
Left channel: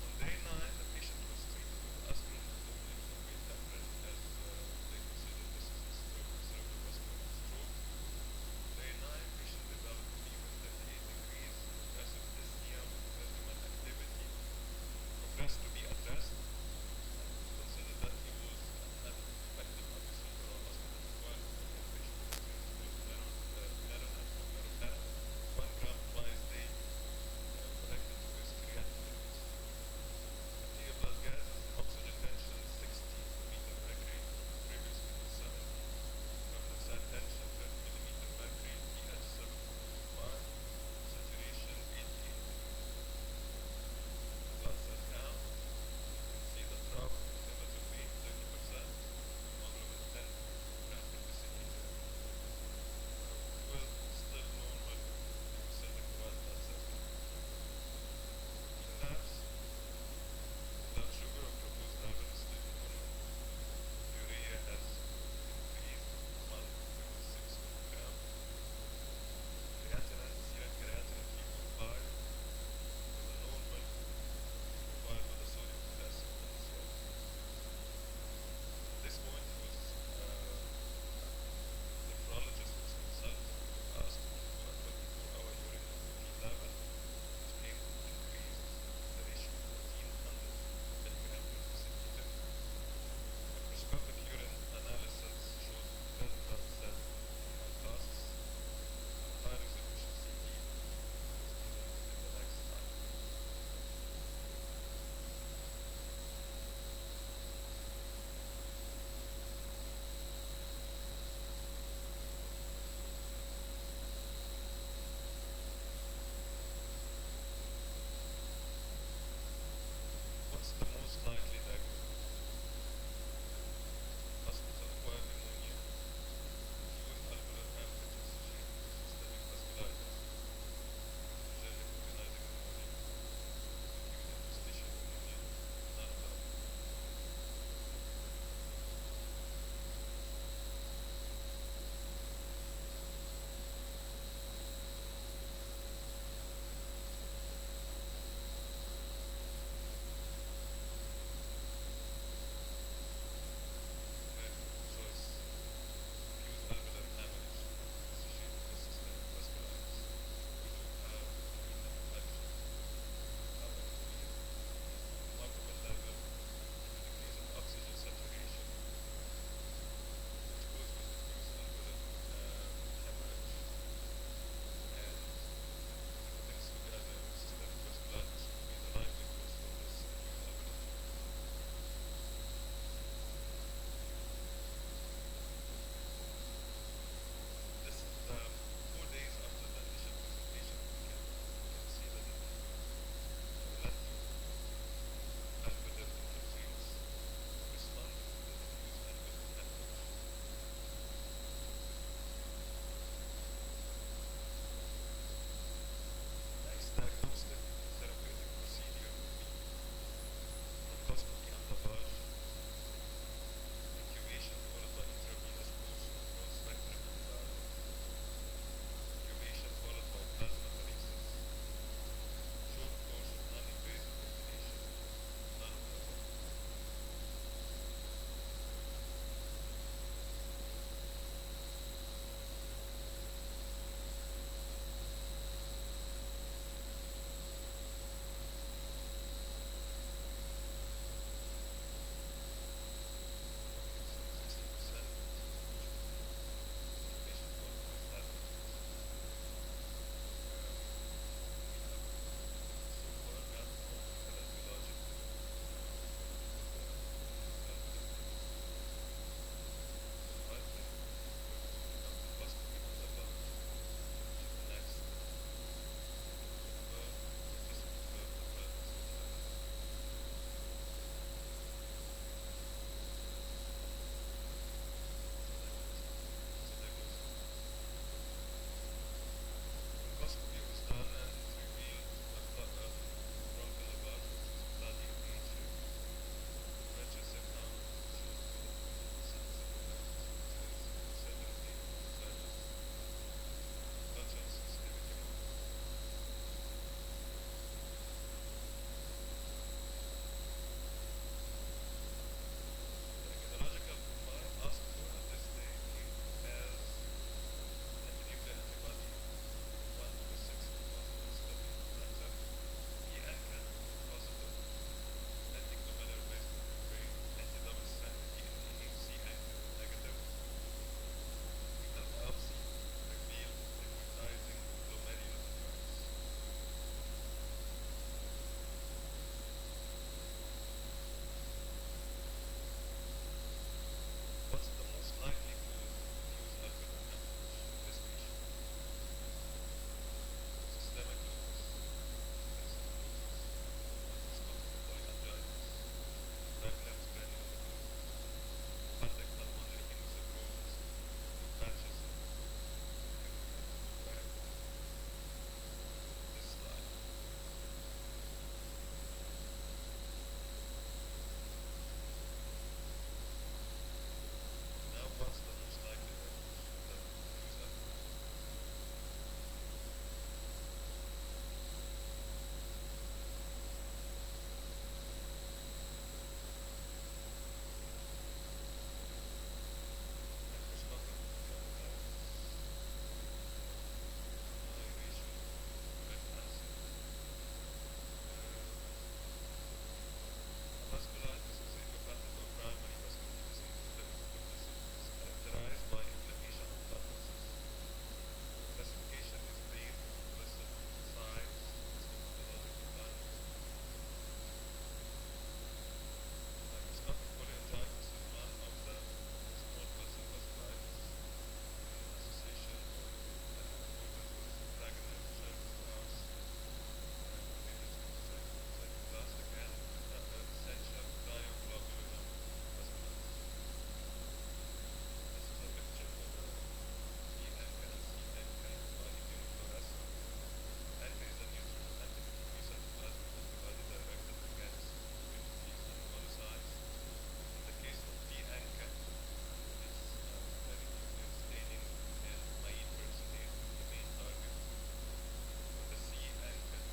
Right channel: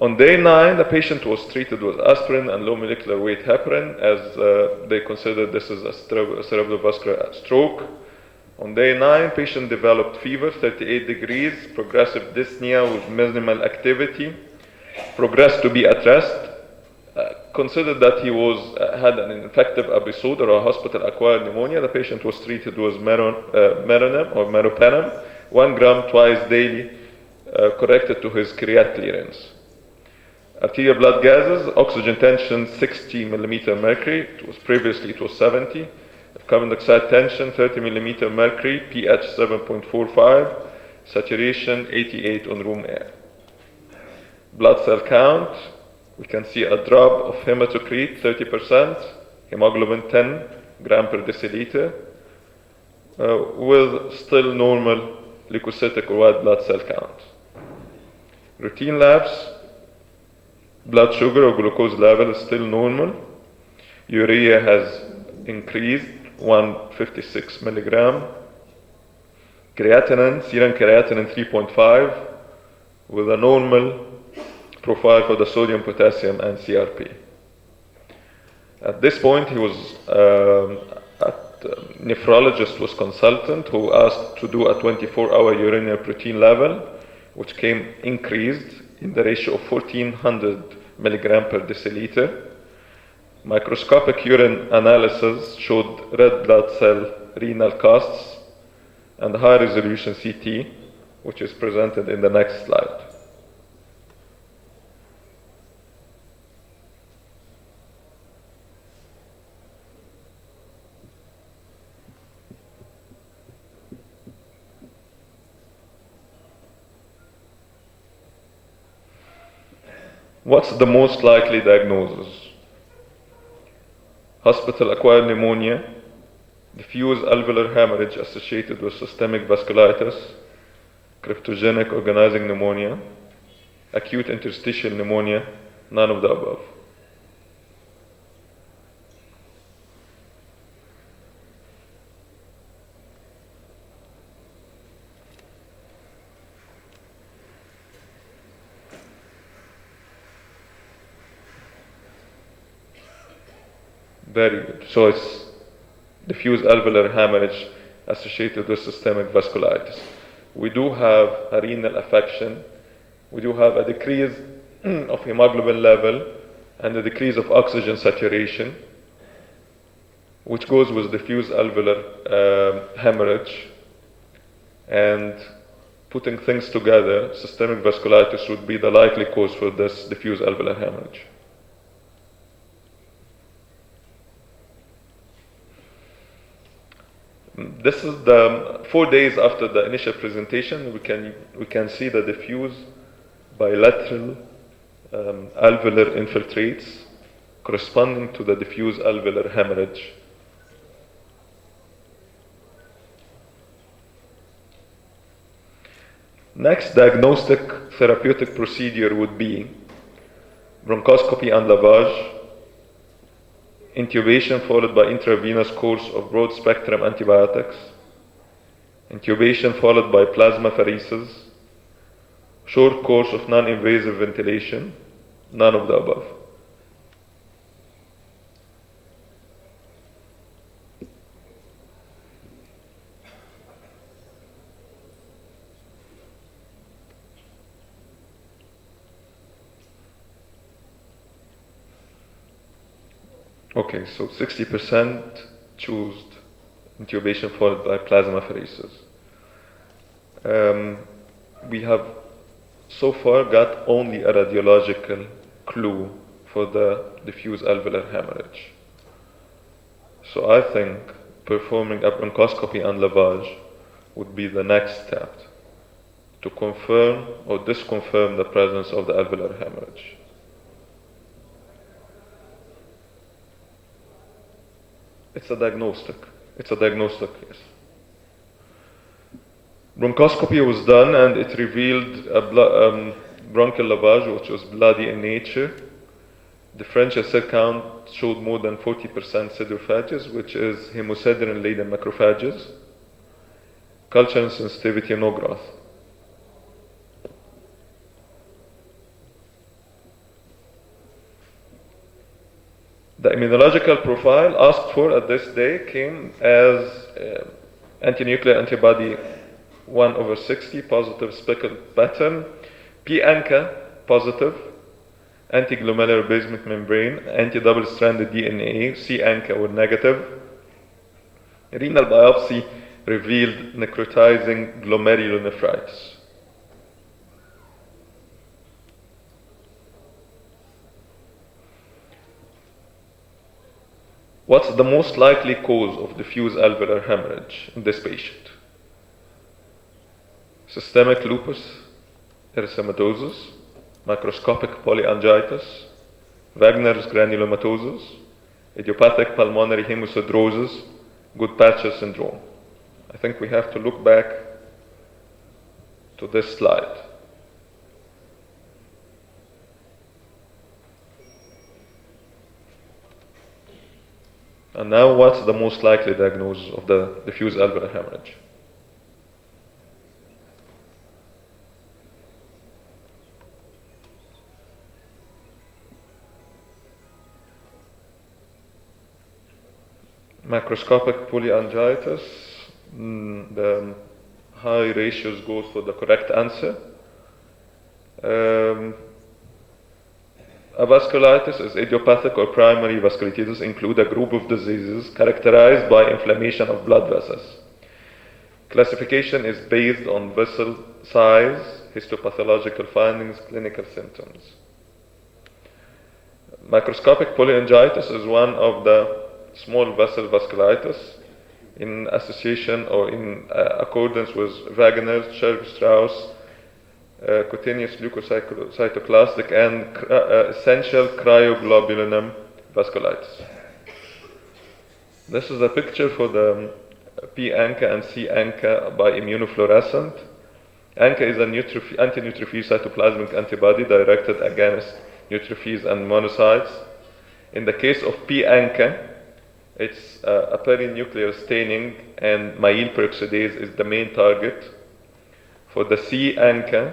On day 9, the patient was treated with aspirin and low molecular weight heparin, as they considered this is a cerebrovascular stroke. On day 9, patient developed fever, 38 degrees, progressive dyspnea with minimal activity, progressed to be at rest. Considered that he had an infective episode or a hospital-acquired pneumonia. The patient was treated with meronym or meropenem, 1 gram twice daily, corrected to his creat clearance. Arterial blood gases, oxygen tension 60 millimeter mercury. Previously it was 70. Carbon dioxide tension 30 millimeter mercury, pH 7.45, saturation 88 on room air. Blood cell count, we can see a drop of hematocrit 30%, hemoglobin 10 gram per deciliter, with still normal leukocytic or white blood cell count. Routine labs, blood sugar or glucose level is still normal. Urea has increased 156 milligram. Creatinine, serum creatinine 3.5 with a normal profile for the sodium, potassium, and CRP. At this point, he was nephrologist was consultant who asked to do a 24-hour urinary protein level, which came increased in the ratio of 1400 milligram per deciliter. Microscopic urine analysis showed red blood cell renal casts and high resolution CT, which is presented in the next slide. What's the most likely diagnosis? Hospital-acquired pneumonia, diffuse alveolar hemorrhage associated with systemic vasculitis, cryptogenic organizing pneumonia, acute interstitial pneumonia, none of the above. Very good. So it's diffuse alveolar hemorrhage associated with systemic vasculitis. We do have a renal affection. We do have a decrease of hemoglobin level and a decrease of oxygen saturation, which goes with diffuse alveolar hemorrhage. And putting things together, systemic vasculitis would be the likely cause for this diffuse alveolar hemorrhage. This is the 4 days after the initial presentation. We can see the diffuse bilateral alveolar infiltrates corresponding to the diffuse alveolar hemorrhage. Next diagnostic therapeutic procedure would be bronchoscopy and lavage, intubation followed by intravenous course of broad-spectrum antibiotics, intubation followed by plasmapheresis, short course of non-invasive ventilation, none of the above. Okay, so 60% choose intubation followed by plasmapheresis. We have so far got only a radiological clue for the diffuse alveolar hemorrhage. So I think performing a bronchoscopy and lavage would be the next step to confirm or disconfirm the presence of the alveolar hemorrhage. It's a diagnostic. It's a diagnostic, yes. Bronchoscopy was done and it revealed a bronchial lavage which was bloody in nature. Differential cell count showed more than 40% pseudophages, which is hemosiderin-laden macrophages. Culture and sensitivity, no growth. The immunological profile asked for at this day came as antinuclear antibody 1/60 positive speckled pattern, P-ANCA positive, anti-glomerular basement membrane, anti-double-stranded DNA, C-ANCA were negative. Renal biopsy revealed necrotizing glomerulonephritis. What's the most likely cause of diffuse alveolar hemorrhage in this patient? Systemic lupus erythematosus, microscopic polyangiitis, Wagner's granulomatosis, idiopathic pulmonary hemosiderosis, Goodpatcher syndrome. I think we have to look back to this slide. And now what's the most likely diagnosis of the diffuse alveolar hemorrhage? Macroscopic polyangiitis, the high ratios goes for the correct answer. Avasculitis is idiopathic or primary vasculitis, include a group of diseases characterized by inflammation of blood vessels. Classification is based on vessel size, histopathological findings, clinical symptoms. Microscopic polyangiitis is one of the small vessel vasculitis in association or in accordance with Wagner's, Churg-Strauss, cutaneous leukocytoclastic and essential cryoglobulinum vasculitis. This is a picture for the P-ANCA and C-ANCA by immunofluorescent. ANCA is an anti-neutrophil cytoplasmic antibody directed against neutrophils and monocytes. In the case of P-ANCA, it's a perinuclear staining and myel peroxidase is the main target. For the C-ANCA,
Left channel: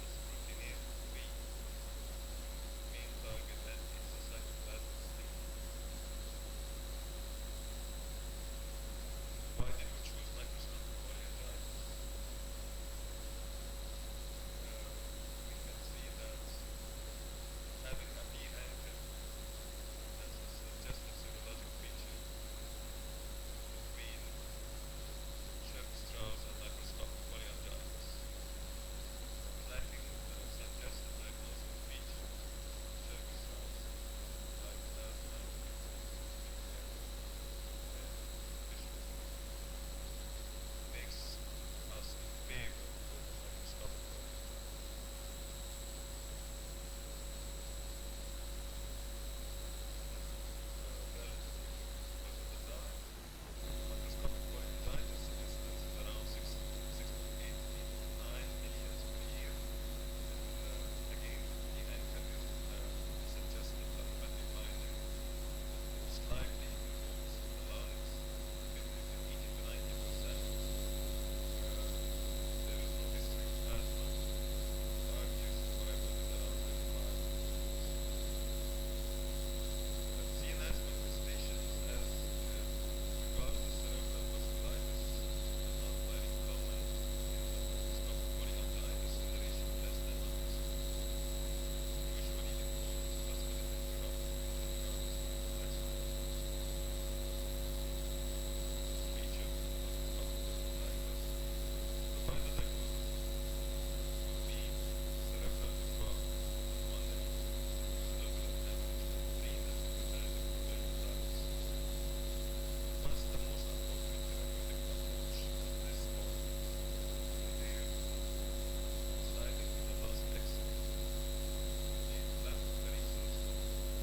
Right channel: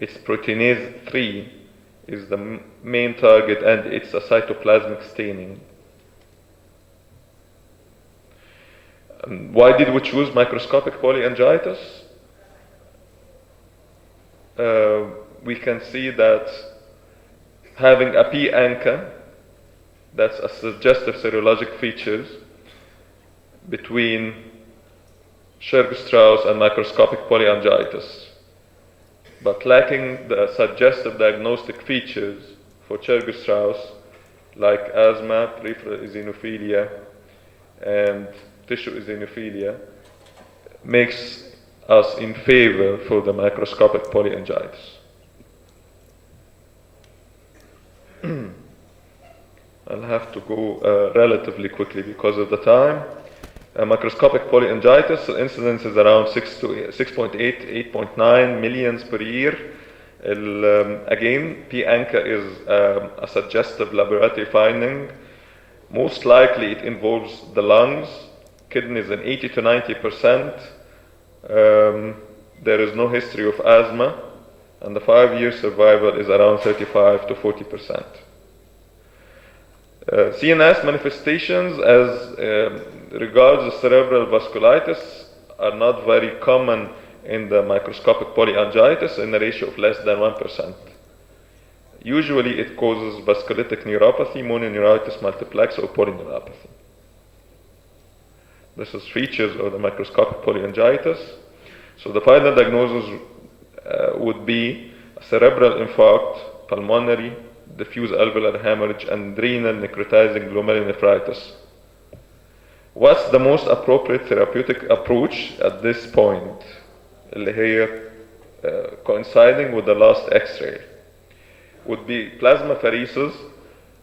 it's proteinase 3 is the main target and it's a cytoplasmic staining. Why did we choose microscopic polyangiitis? We can see that having a P-ANCA, that's a suggestive serologic features between Churg-Strauss and microscopic polyangiitis, but lacking the suggestive diagnostic features for Churg-Strauss like asthma, peripheral eosinophilia, and tissue eosinophilia, makes us in favor for the microscopic polyangiitis. I'll have to go relatively quickly because of the time. Microscopic polyangiitis, the incidence is around 6.8, 8.9 millions per year. Again, P-ANCA is a suggestive laboratory finding. Most likely it involves the lungs, kidneys in 80 to 90%. There is no history of asthma, and the 5-year survival is around 35 to 40%. CNS manifestations as regards the cerebral vasculitis are not very common in the microscopic polyangiitis in a ratio of less than 1%. Usually it causes vasculitic neuropathy, mononeuritis multiplex, or polyneuropathy. This is features of the microscopic polyangiitis. So the final diagnosis would be cerebral infarct, pulmonary, diffuse alveolar hemorrhage, and renal necrotizing glomerulonephritis. What's the most appropriate therapeutic approach at this point? اللي هي coinciding with the last X-ray would be plasmapheresis,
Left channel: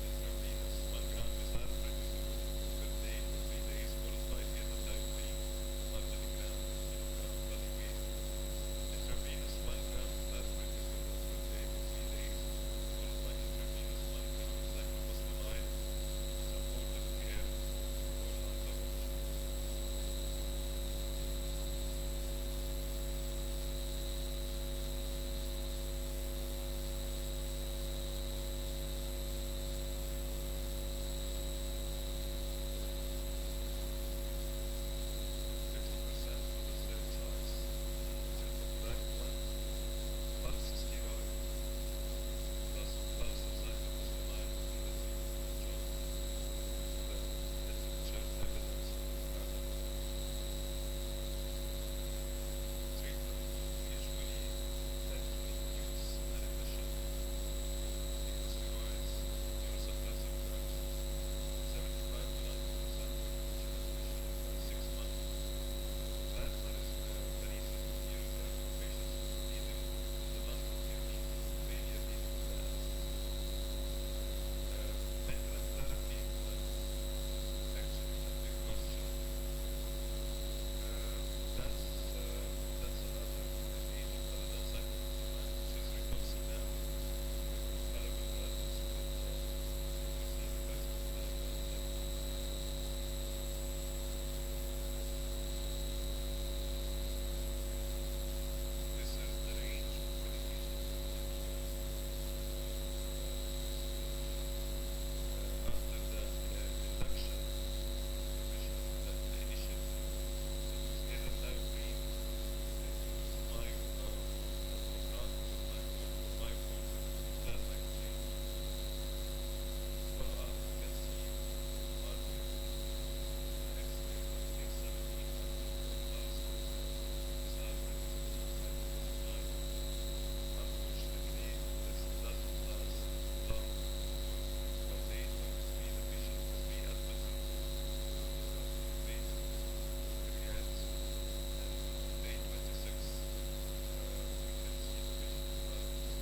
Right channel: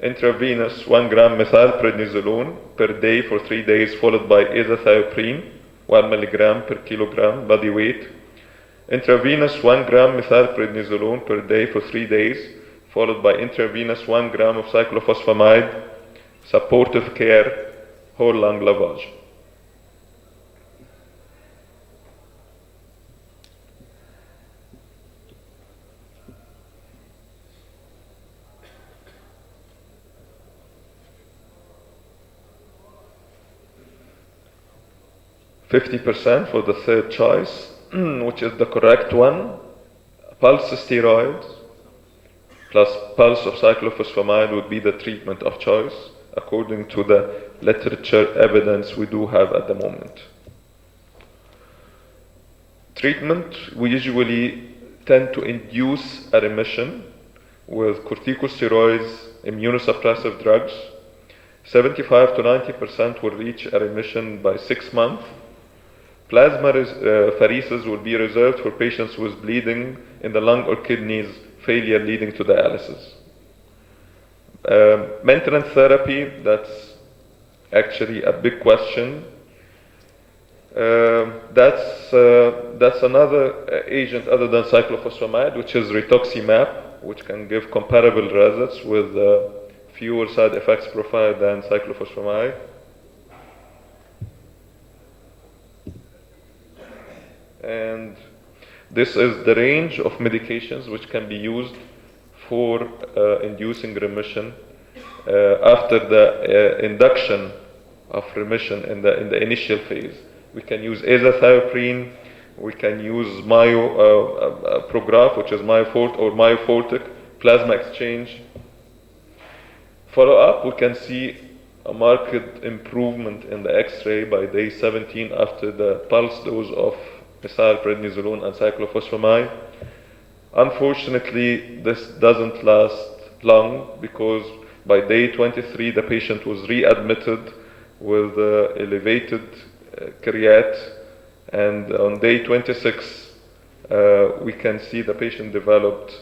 intravenous 1 gram methylprednisolone per day for 3 days, followed by azathioprine 1 milligram per kilogram body weight. Intravenous 1 gram methylprednisolone per day for 3 days, followed by intravenous 1 gram of cyclophosphamide, supportive care, whole lung lavage. 50% for the third choice, which is the correct one. Pulse steroids plus pulse of cyclophosphamide would be the treatment of choice according to the literature evidence we do have at the moment. Treatment, we usually tend to induce a remission with corticosteroids, immunosuppressive drugs. 75 to 90% will reach a remission by 6 months. Plasma pheresis will be reserved for patients with bleeding in the lung or kidneys, failure leading to dialysis. Maintenance therapy, that's actually a big question. That's another agent other than cyclophosphamide, which is rituximab, which can give comparable results with fewer side effects profile than cyclophosphamide. And this is the range of medications which can be used for inducing remission after the induction of remission in the initial phase. We can use azathioprine, we can use Prograf, which is myofort or myofortic, plasma exchange. Follow-up, we can see a marked improvement in the X-ray by day 17 after the pulse dose of methylprednisolone and cyclophosphamide. Unfortunately, this doesn't last long because by day 23 the patient was readmitted with elevated creat, and on day 26 we can see the patient developed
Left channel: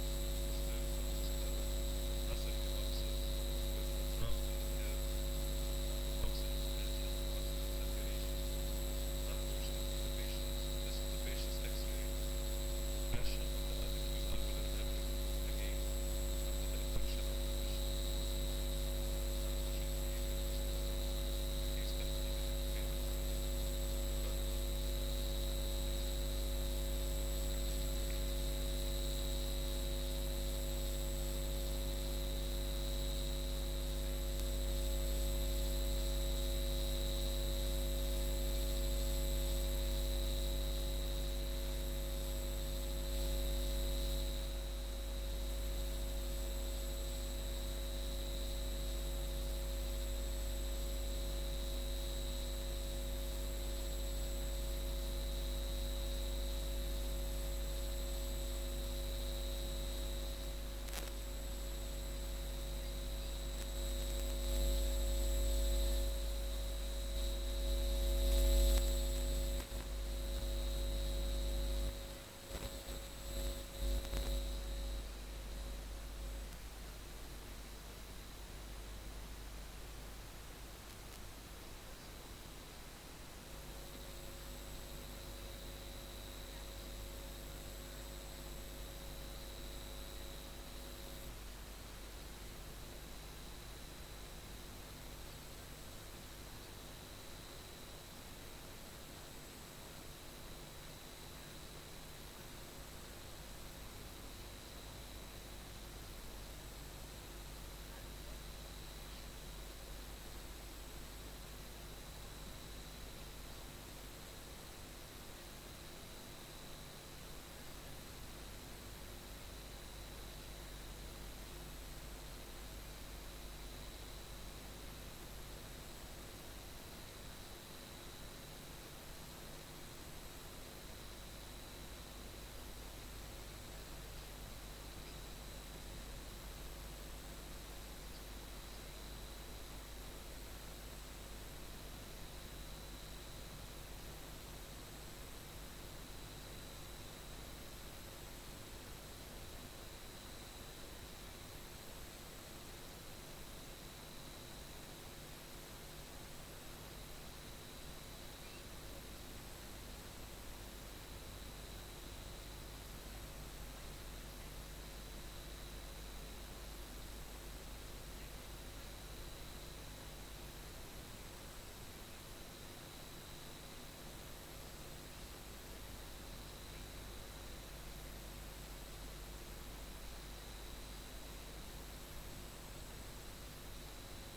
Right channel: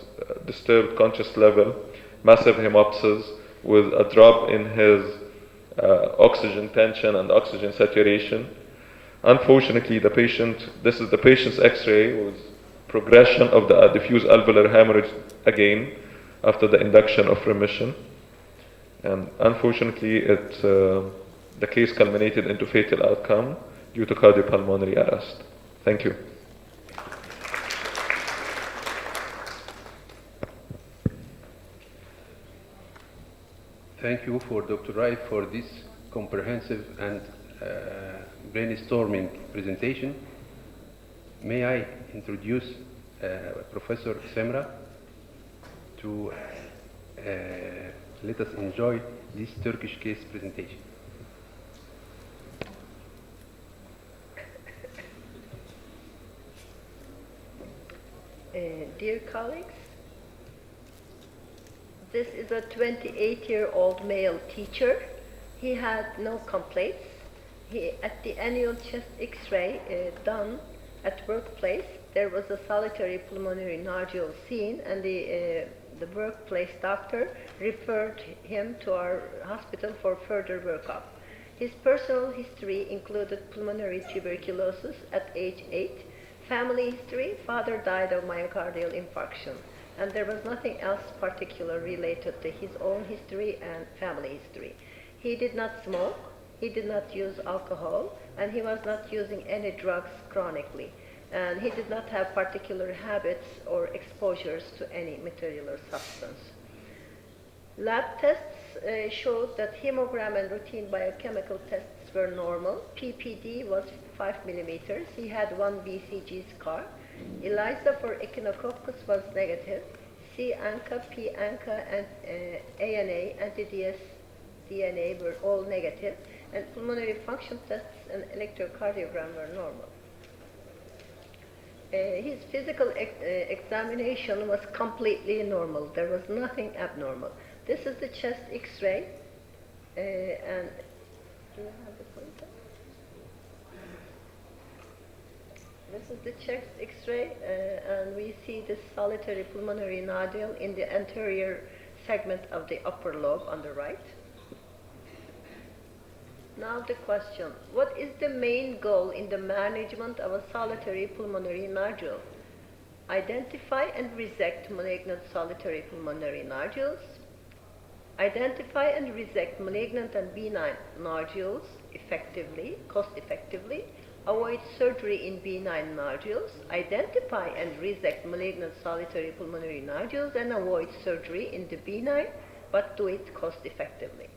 disturbed conscious level, massive hemoptysis with a drop in his oxygen tension and oxygen saturation. Unfortunately, this is the patient's X-ray with progression of the diffuse alveolar hemorrhage again after the induction of remission. And unfortunately, the case culminated into fatal outcome due to cardiopulmonary arrest. Thank you. Thank you for Dr. Wright for this comprehensive and brainstorming presentation. May I introduce Professor Semra to let us enjoy this Turkish case presentation. Dear colleagues, this is a 28-year-old male teacher. He had no complaints. At the annual chest X-ray done at workplace, there was a solitary pulmonary nodule seen, and the workplace doctor referred him to our hospital for further workup. His personal history included pulmonary tuberculosis at age 8, family history, father died of myocardial infarction, and there was nothing else particular related to his own history and family history. He did not smoke, he did not use alcohol, and he was not using any drugs chronically. And he did not have particular habits or exposures to any material or substance. Lab tests showed that hemogram and routine biochemical tests were normal. PPD was 5 millimeters. He had 1 BCG scar. ELISA for echinococcus was negative. C-ANCA, P-ANCA, and ANA, anti-DS DNA, were all negative. And pulmonary function tests and electrocardiogram were normal. His physical examination was completely normal. There was nothing abnormal. This is the chest X-ray, and do you have the pointer? This is the chest X-ray, and we see this solitary pulmonary nodule in the anterior segment of the upper lobe on the right. Now the question, what is the main goal in the management of a solitary pulmonary nodule? Identify and resect malignant solitary pulmonary nodules. Identify and resect malignant and benign nodules effectively, cost-effectively. Avoid surgery in benign nodules. Identify and resect malignant solitary pulmonary nodules and avoid surgery in the benign, but do it cost-effectively.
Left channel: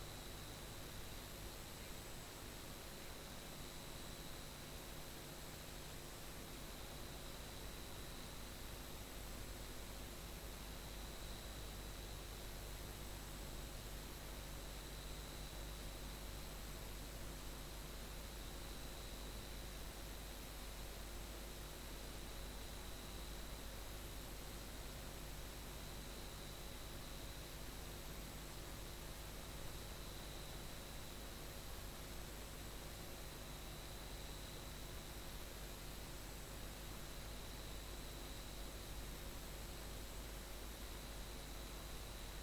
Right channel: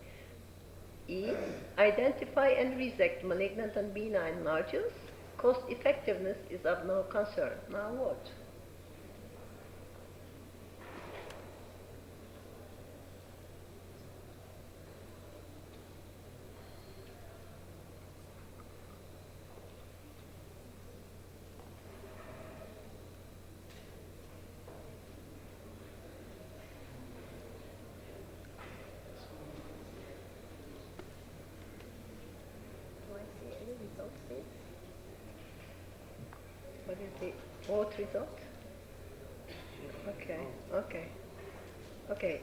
E. Identify and resect malignant and benign nodules. Cost effectiveness is of no concern. Now what? What is the vote result? Okay, okay, okay.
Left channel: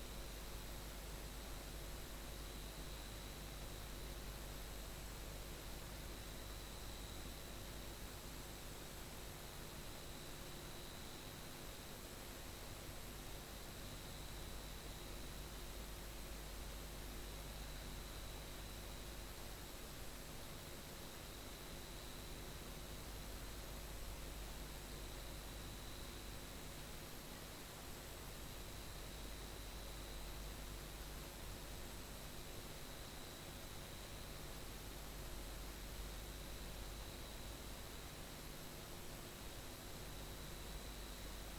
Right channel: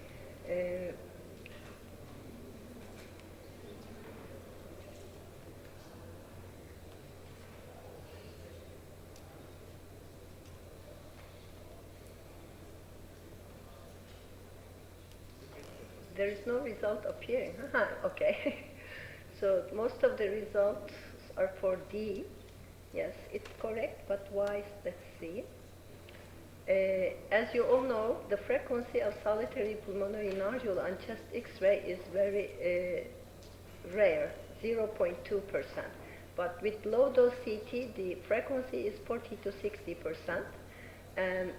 There is no result appearing. Okay. So most of the results are for D. Yes, it's correct, but why? Let's see. As you all know, the frequency of solitary pulmonary nodule on chest X-ray is very rare, 0.2%. But with low dose CT, the frequency is 40 to 60%. And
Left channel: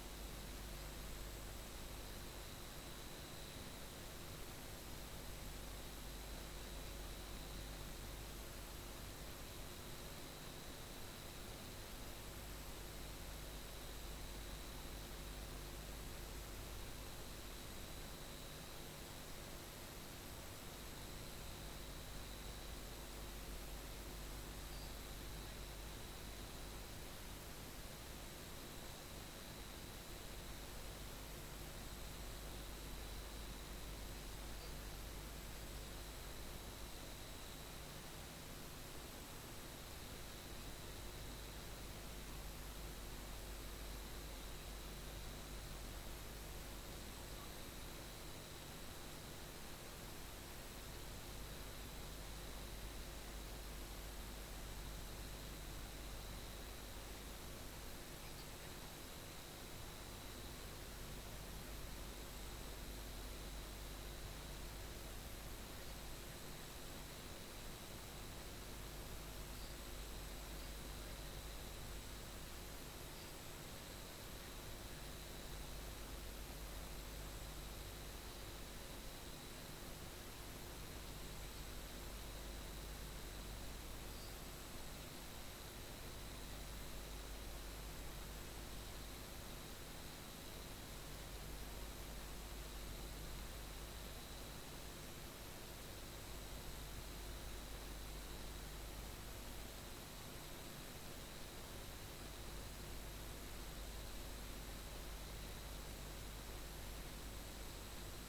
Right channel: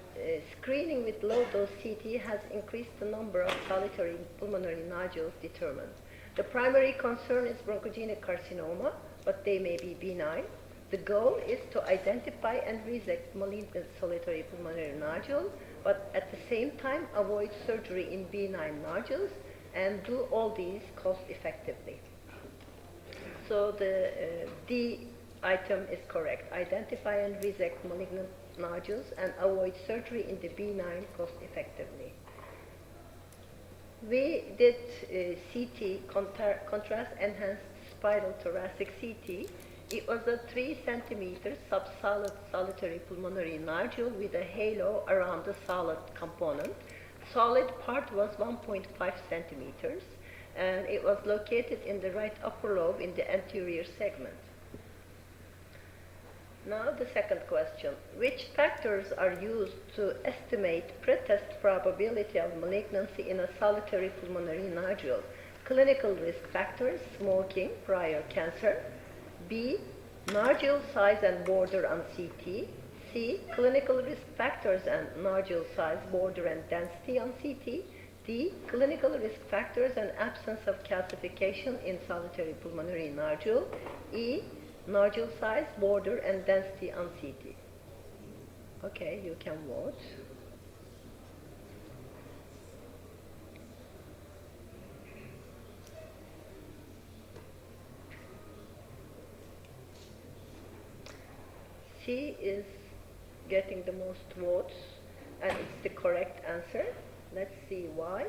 screening with low dose CT has increased the number of solitary pulmonary nodules determined. The primary concern is bronchogenic carcinoma, but they may be benign. The goal is to identify and resect malignant solitary pulmonary nodules, but at the same time avoid surgery in benign nodules and do all these cost effectively. So the D item is correct. Identify and resect malignant nodules and avoid surgery in the benign cost effectively. We did CT, contrast enhanced spiral thoracic CT. It was a 3 centimeter subsolid solitary pulmonary nodule with a halo around the solid component. Solid part was 1.5 centimeters and it was located in the right upper lobe in the anterior segment. Now the second question. Which factors are used to estimate pretest probability of malignancy in a solitary pulmonary nodule? Clinical risk factors, smoking, prior cancer. B, nodule size and border on CT. C, clinical risk factors and nodule size, border and density on CT. D, clinical risk factors and absence of calcification in solitary pulmonary nodule. E, nodule size, border, and density on CT. Okay, you can vote. C is getting the most votes, and it's the correct answer. Let's see why.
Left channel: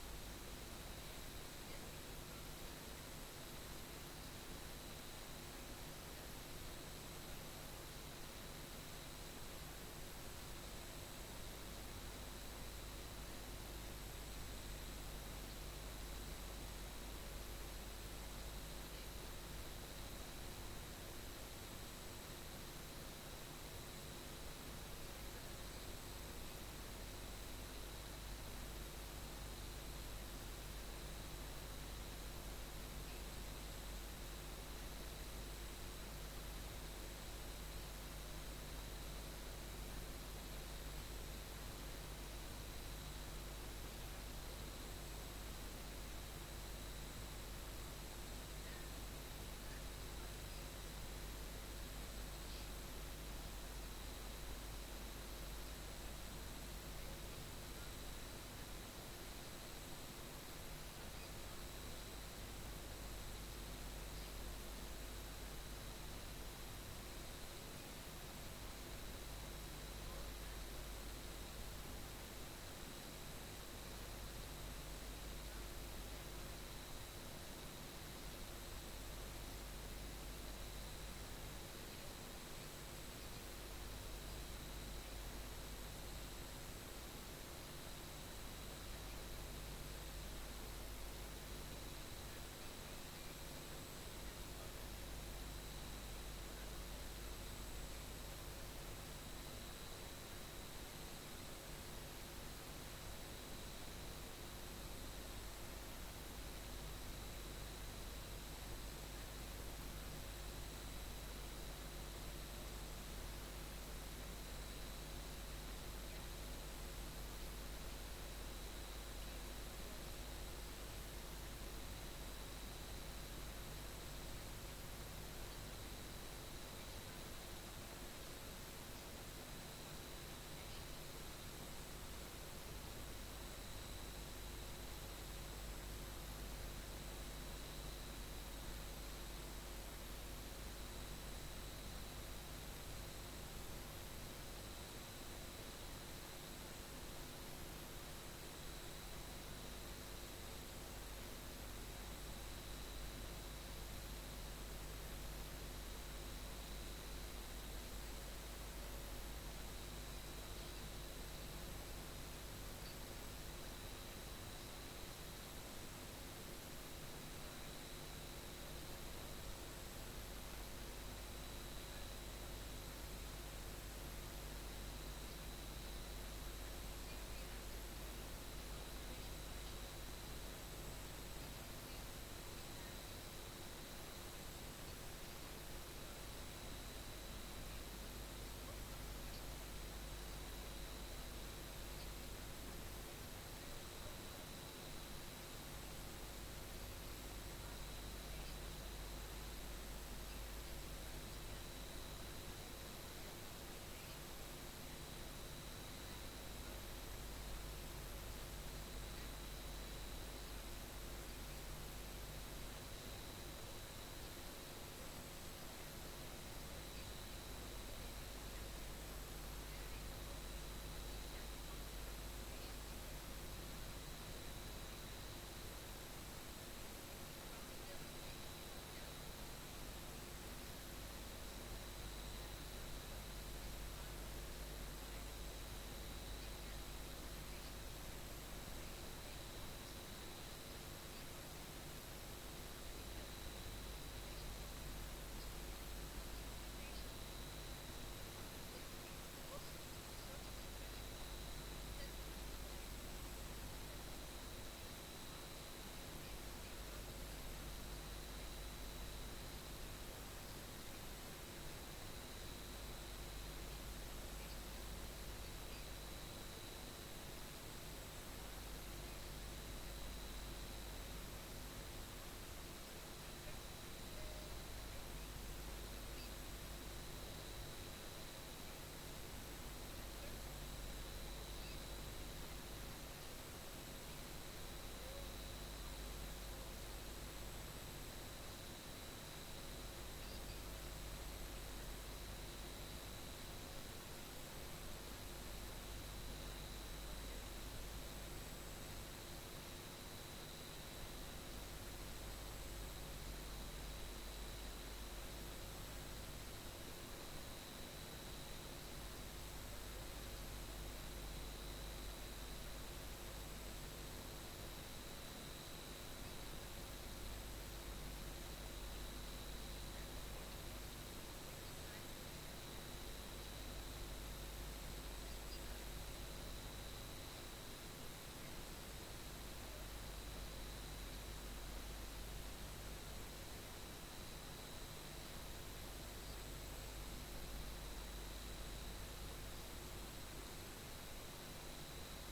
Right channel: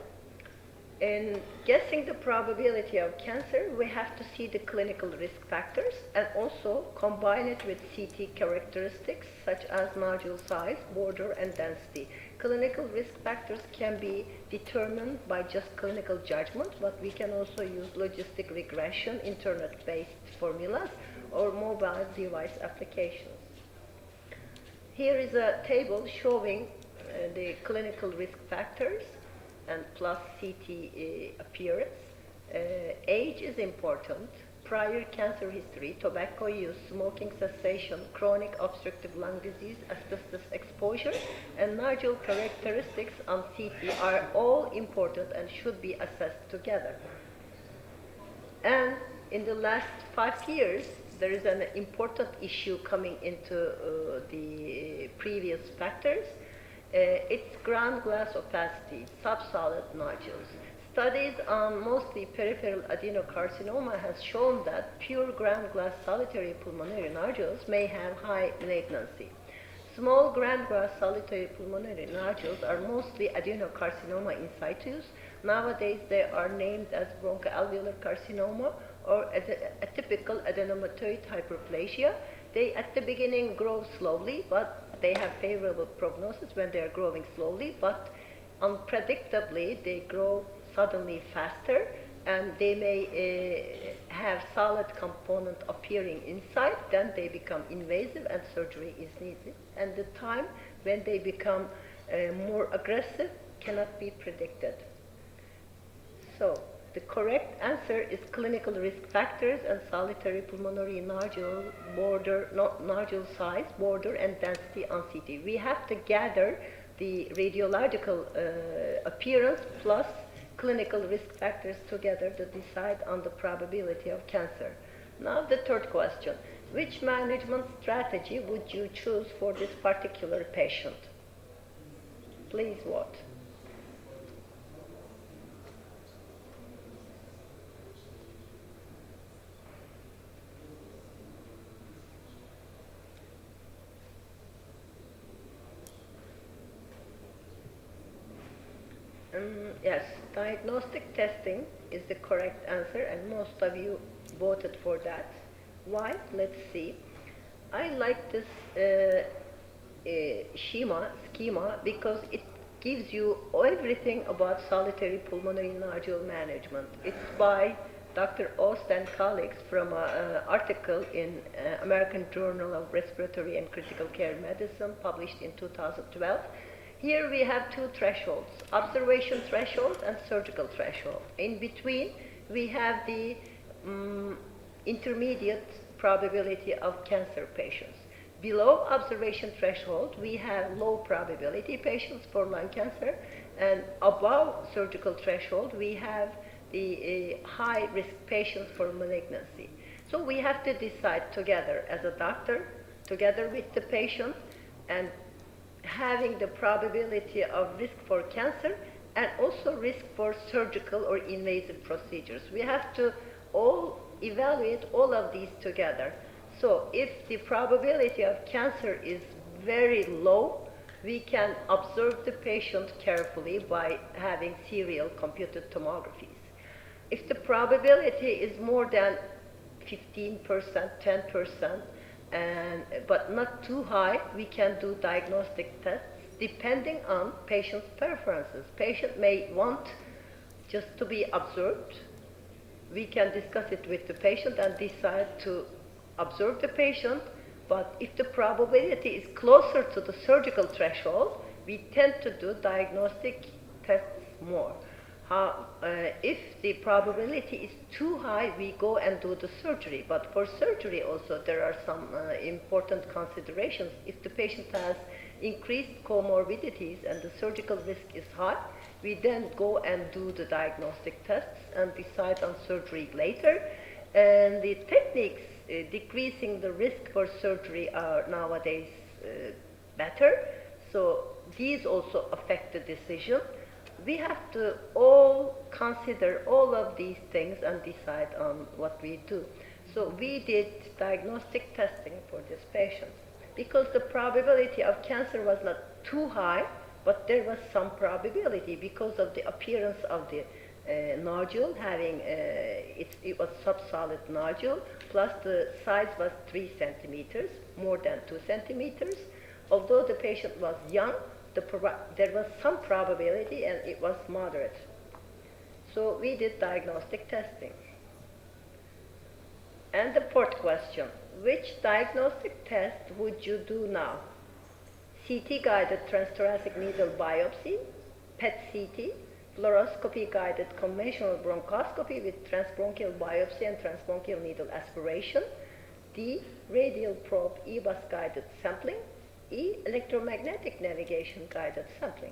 In guessing the probability of cancer, we have to see the clinical risk factors and also combine it with CT characteristics such as nodule size, border, and density. Clinical risk factors can be determined by just clinical judgment, but we can also use logistic regression, internet-based formulas, or mobile device applications. Here is a table showing the clinical risk factors and plus CT appearance. Age is important, prior cancer history, tobacco use, smoking cessation, chronic obstructive lung disease, asbestos exposure, and nodule characteristics on CT are all important and should be assessed together. And in the last 5 years, there is an important issue coming into the previous factors. It's ground glass opacity, subsolid nodules. Studies on mostly peripheral adenocarcinoma has shown that pure ground glass solitary pulmonary nodules may have high malignancy. Small ground glass solitary pulmonary nodules are mostly adenocarcinoma in situ. Nowadays they are named as bronchoalveolar carcinoma or as a typical adenomatoid hyperplasia. They at the beginning grow slowly, but they have favorable prognosis when they are growing slowly, but unpredictably they grow suddenly faster, and they may have solid component appearing inside. Then they become invasive and surgery is needed. And the time when they become more aggressive cannot be predicted. So the correct answer is clinical risk factors and solitary pulmonary nodule border, nodule size, border, and density on CT. We have to gather the radiological appearance plus clinical risk factors together to decide on the probability of cancer. Now the third question. Which management strategy would you choose for this particular patient? Please vote. Yes, diagnostic testing is the correct answer, and most of you voted for that. Why? Let's see. I like this schema because it gives you everything about solitary pulmonary nodule management. It's by Dr. Ost and colleagues from an article in American Journal of Respiratory and Critical Care Medicine published in 2012. Here we have two thresholds, observation threshold and surgical threshold. In between, we have the intermediate probability of cancer patients. Below observation threshold, we have low probability patients for lung cancer, and above surgical threshold, we have the high risk patients for malignancy. So we have to decide together as a doctor, together with the patient, and having the probability of risk for cancer and also risk for surgical or invasive procedures. We have to all evaluate all of these together. So if the probability of cancer is very low, we can observe the patient carefully by having serial computed tomographies. If the probability is more than 15%, 10%, but not too high, we can do diagnostic tests depending on patient's preferences. Patient may want just to be observed. We can discuss it with the patient and decide to observe the patient, but if the probability is closer to the surgical threshold, we tend to do diagnostic tests more. If the probability is too high, we go and do the surgery. But for surgery also, there are some important considerations. If the patient has increased comorbidities and the surgical risk is high, we then go and do the diagnostic tests and decide on surgery later. And the techniques decreasing the risk for surgery are nowadays better. So these also affect the decision. We have to all consider all of these things and decide on what we do. So we did diagnostic testing for this patient because the probability of cancer was not too high, but there was some probability because of the appearance of the nodule having, it was subsolid nodule, plus the size was 3 centimeters, more than 2 centimeters. Although the patient was young, there was some probability and it was moderate. So we did diagnostic testing. And the fourth question, which diagnostic test would you do now? CT-guided transthoracic needle biopsy, PET-CT, fluoroscopy-guided conventional bronchoscopy with transbronchial biopsy and transbronchial needle aspiration, D, radial probe EBUS-guided sampling, E, electromagnetic navigation guided sampling.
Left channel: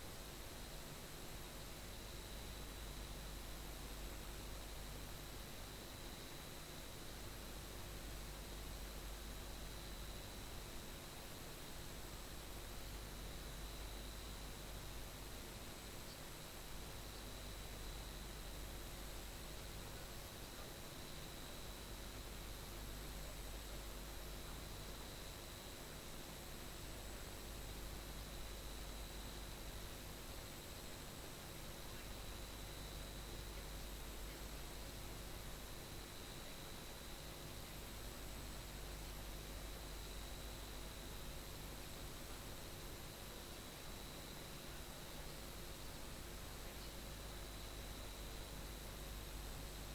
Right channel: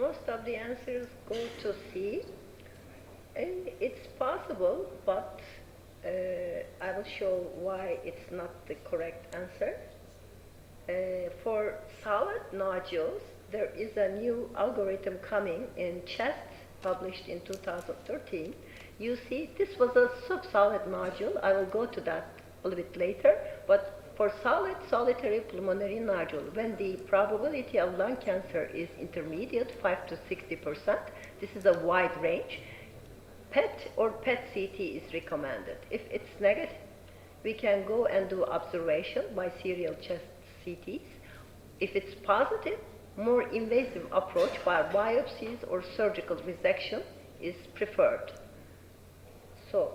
Most of the answers go to C. And it's possible, but I will show why it's not the correct answer. For solid nodules, there is a new algorithm coming in CHEST, published in 2013. You see, this was a subsolid nodule. I will go to that a little bit later. But for solid solitary pulmonary nodule, when the probability of lung cancer is intermediate, 5 to 60%, this is a wide range, PET or PET-CT is recommended. If it's negative, we can go and do observation by serial chest CTs. If it's positive, more invasive approach by biopsies or surgical resection is preferred. So,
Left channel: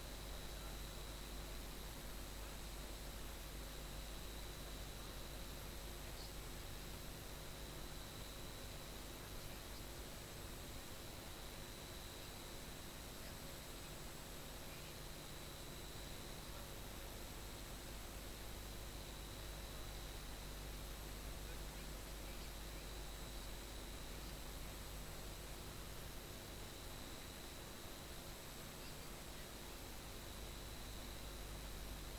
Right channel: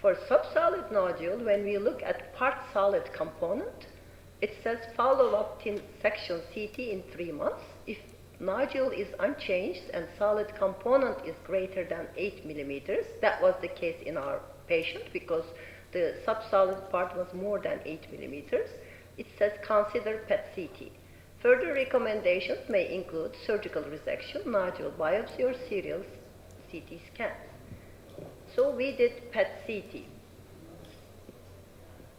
for subsolid nodule, when we look at part solid component, it says follow-up section CT in 3 months. If nodule is unchanged and solid component is greater than 8 millimeters, that was the case in our patient because the subsolid part was more than 8 millimeters. It says consider PET-CT. Further recommendations may include surgical resection, nodule biopsy, or serial CT scan. So we did PET-CT.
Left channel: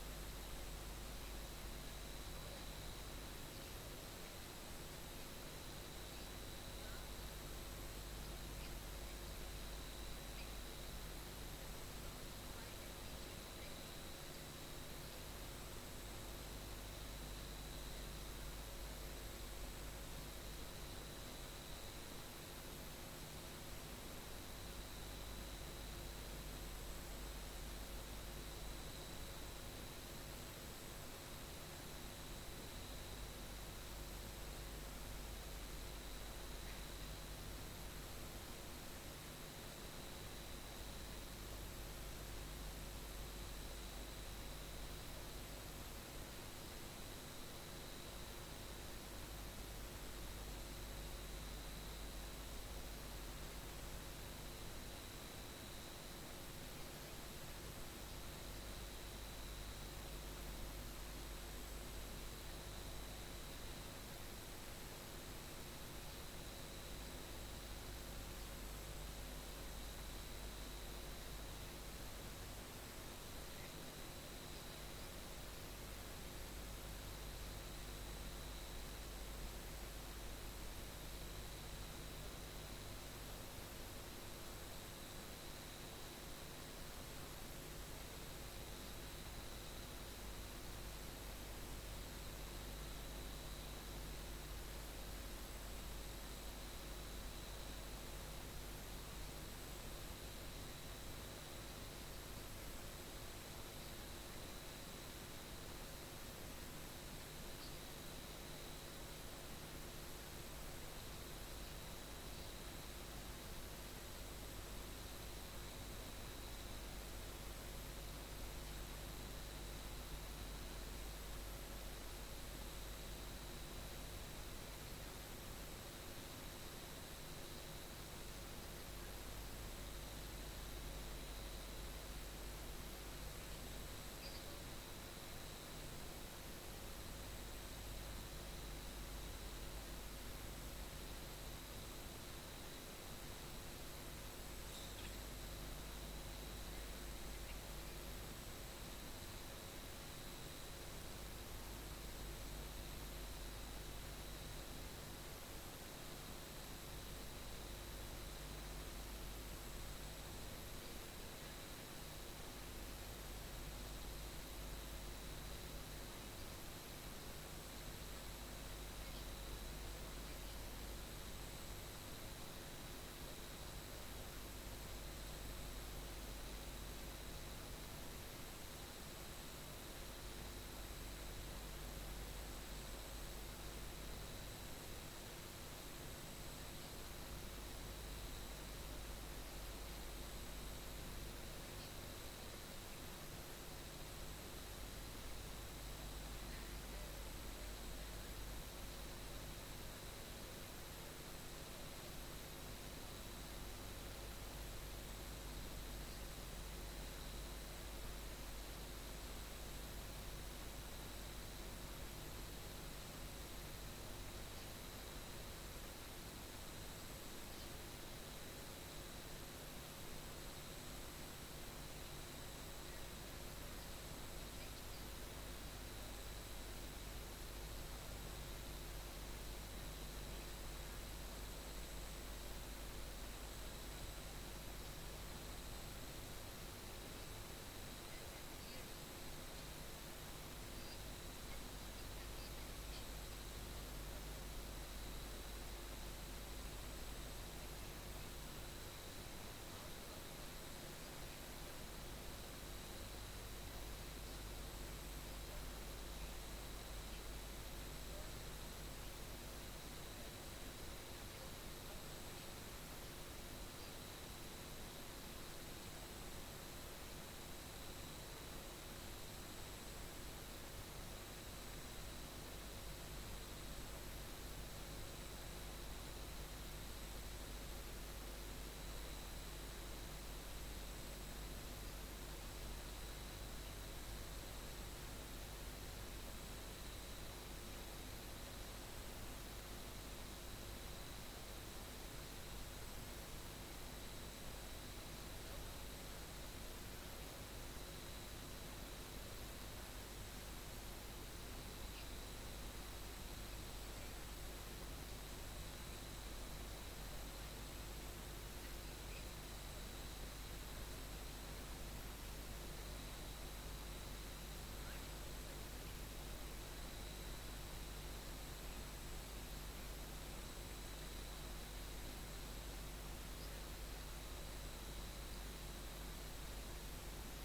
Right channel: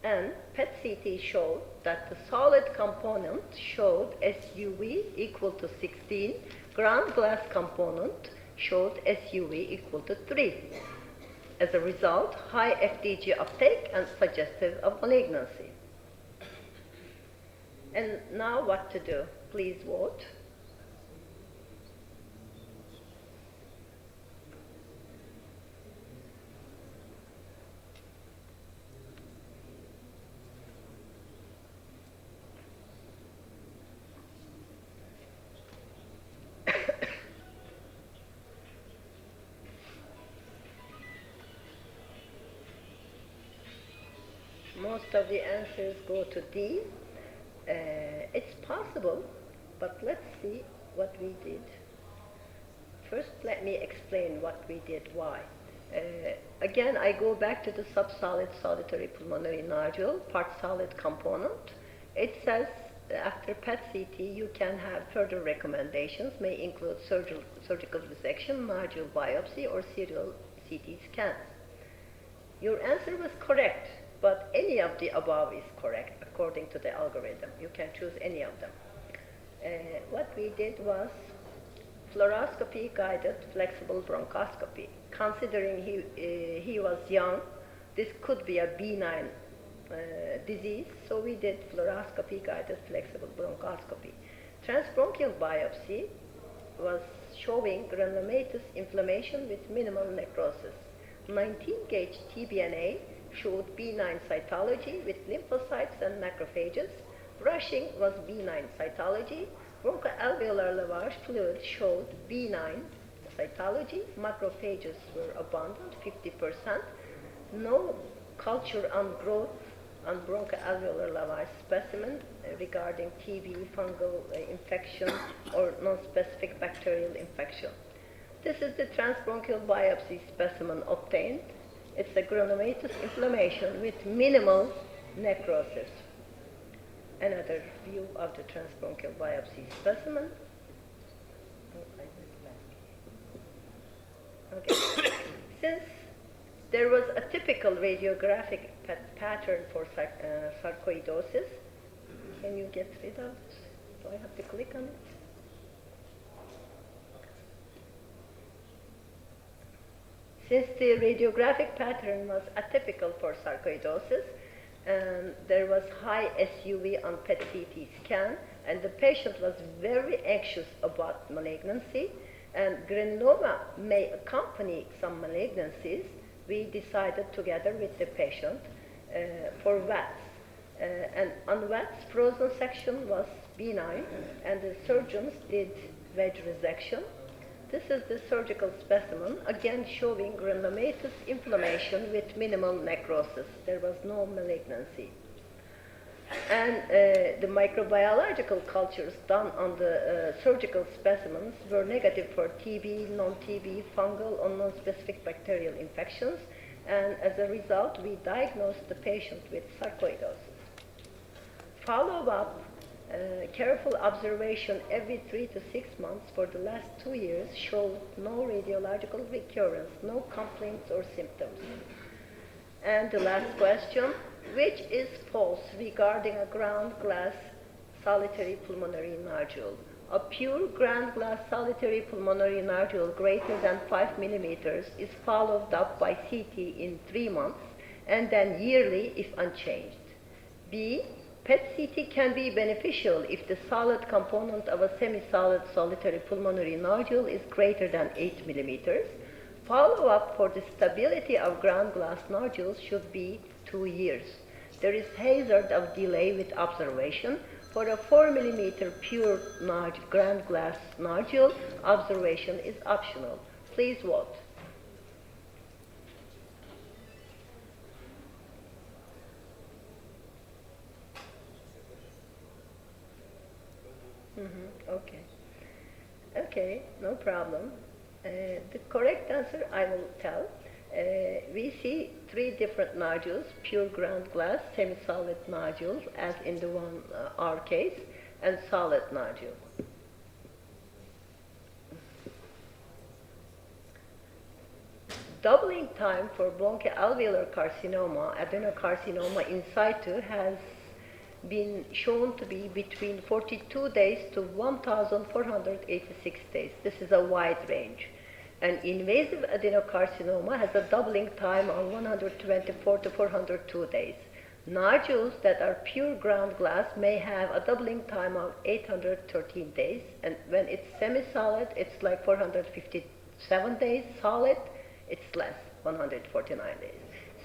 And PET-CT showed that the solid component showed SUV equal to 16, ground glass component showed SUV equal to 3. As a result, high FDG uptake and suggestive of malignancy. And now what to do? Please vote. Most of the answers go to D. It's possible, but let's see what we did. First, let me explain what we did, why. Again, I go back to the subsolid solitary pulmonary nodule, part solid component. It says after PET-CT, you can have further recommendations, may include surgical resection, nodule biopsy, or serial CT scan. Your answer was correct, but any of the above is correct according to the algorithm. You can choose any of them. What we did was fluoroscopy guided flexible bronchoscopy. Considering he was young, this could be a benign disease, so we did fluoroscopy guided flexible bronchoscopy. Transbronchial biopsy was showing granulomatous inflammation with minimal necrosis. 19-gauge TBNA showed benign cytology with lymphocytes and macrophages. Rushing was benign cytology. Bronchoalveolar lavage fluid showed benign cytology. Macrophages were abundant, 50%. No culture on growth on bronchoalveolar lavage specimen regarding TB, fungal infection, or non-specific bacterial infection. This is the transbronchial biopsy specimen obtained. It's a granulomatous inflammation with minimal necrosis. Another view of the transbronchial biopsy specimen. Okay. Since there was a typical radiographic pattern for sarcoidosis, can you get rid of it? Do I have to click on it? Since the radiographic pattern was atypical for sarcoidosis, there was high SUV on PET-CT scan, and the patient was very anxious about malignancy, and granuloma may accompany some malignancies. We decided together with the patient for VATS. And on VATS, frozen section was benign, and the surgeons did wedge resection. This is the surgical specimen, again showing granulomatous inflammation with minimal necrosis. There was no malignancy. And the microbiological cultures done on the surgical specimens were negative for TB, non-TB, fungal, or non-specific bacterial infections. And as a result, we diagnosed the patient with sarcoidosis. Follow-up, careful observation every 3 to 6 months for the last 2 years showed no radiological recurrence, no complaints or symptoms. And the last question, which is false regarding a ground glass solitary pulmonary nodule? A pure ground glass solitary pulmonary nodule greater than 5 millimeters is followed up by CT in 3 months and then yearly if unchanged. B, PET-CT can be beneficial if the solid component of a semisolid solitary pulmonary nodule is greater than 8 millimeters. Follow-up for the stability of ground glass nodules should be 2 years. There is hazard of delay with observation. For a 4 millimeter pure ground glass nodule, observation is optional. Please vote. No problem. The correct answer I will tell. We see three different nodules: pure ground glass, semi-solid nodules, as in the one R case, and solid nodule. Doubling time for bronchoalveolar carcinoma, adenocarcinoma in situ, has been shown to be between 42 days to 1,486 days. This is a wide range. And invasive adenocarcinoma has a doubling time of 124 to 402 days. Nodules that are pure ground glass may have a doubling time of 813 days, and when it's semi-solid, it's like 457 days. Solid, it's less, 149 days.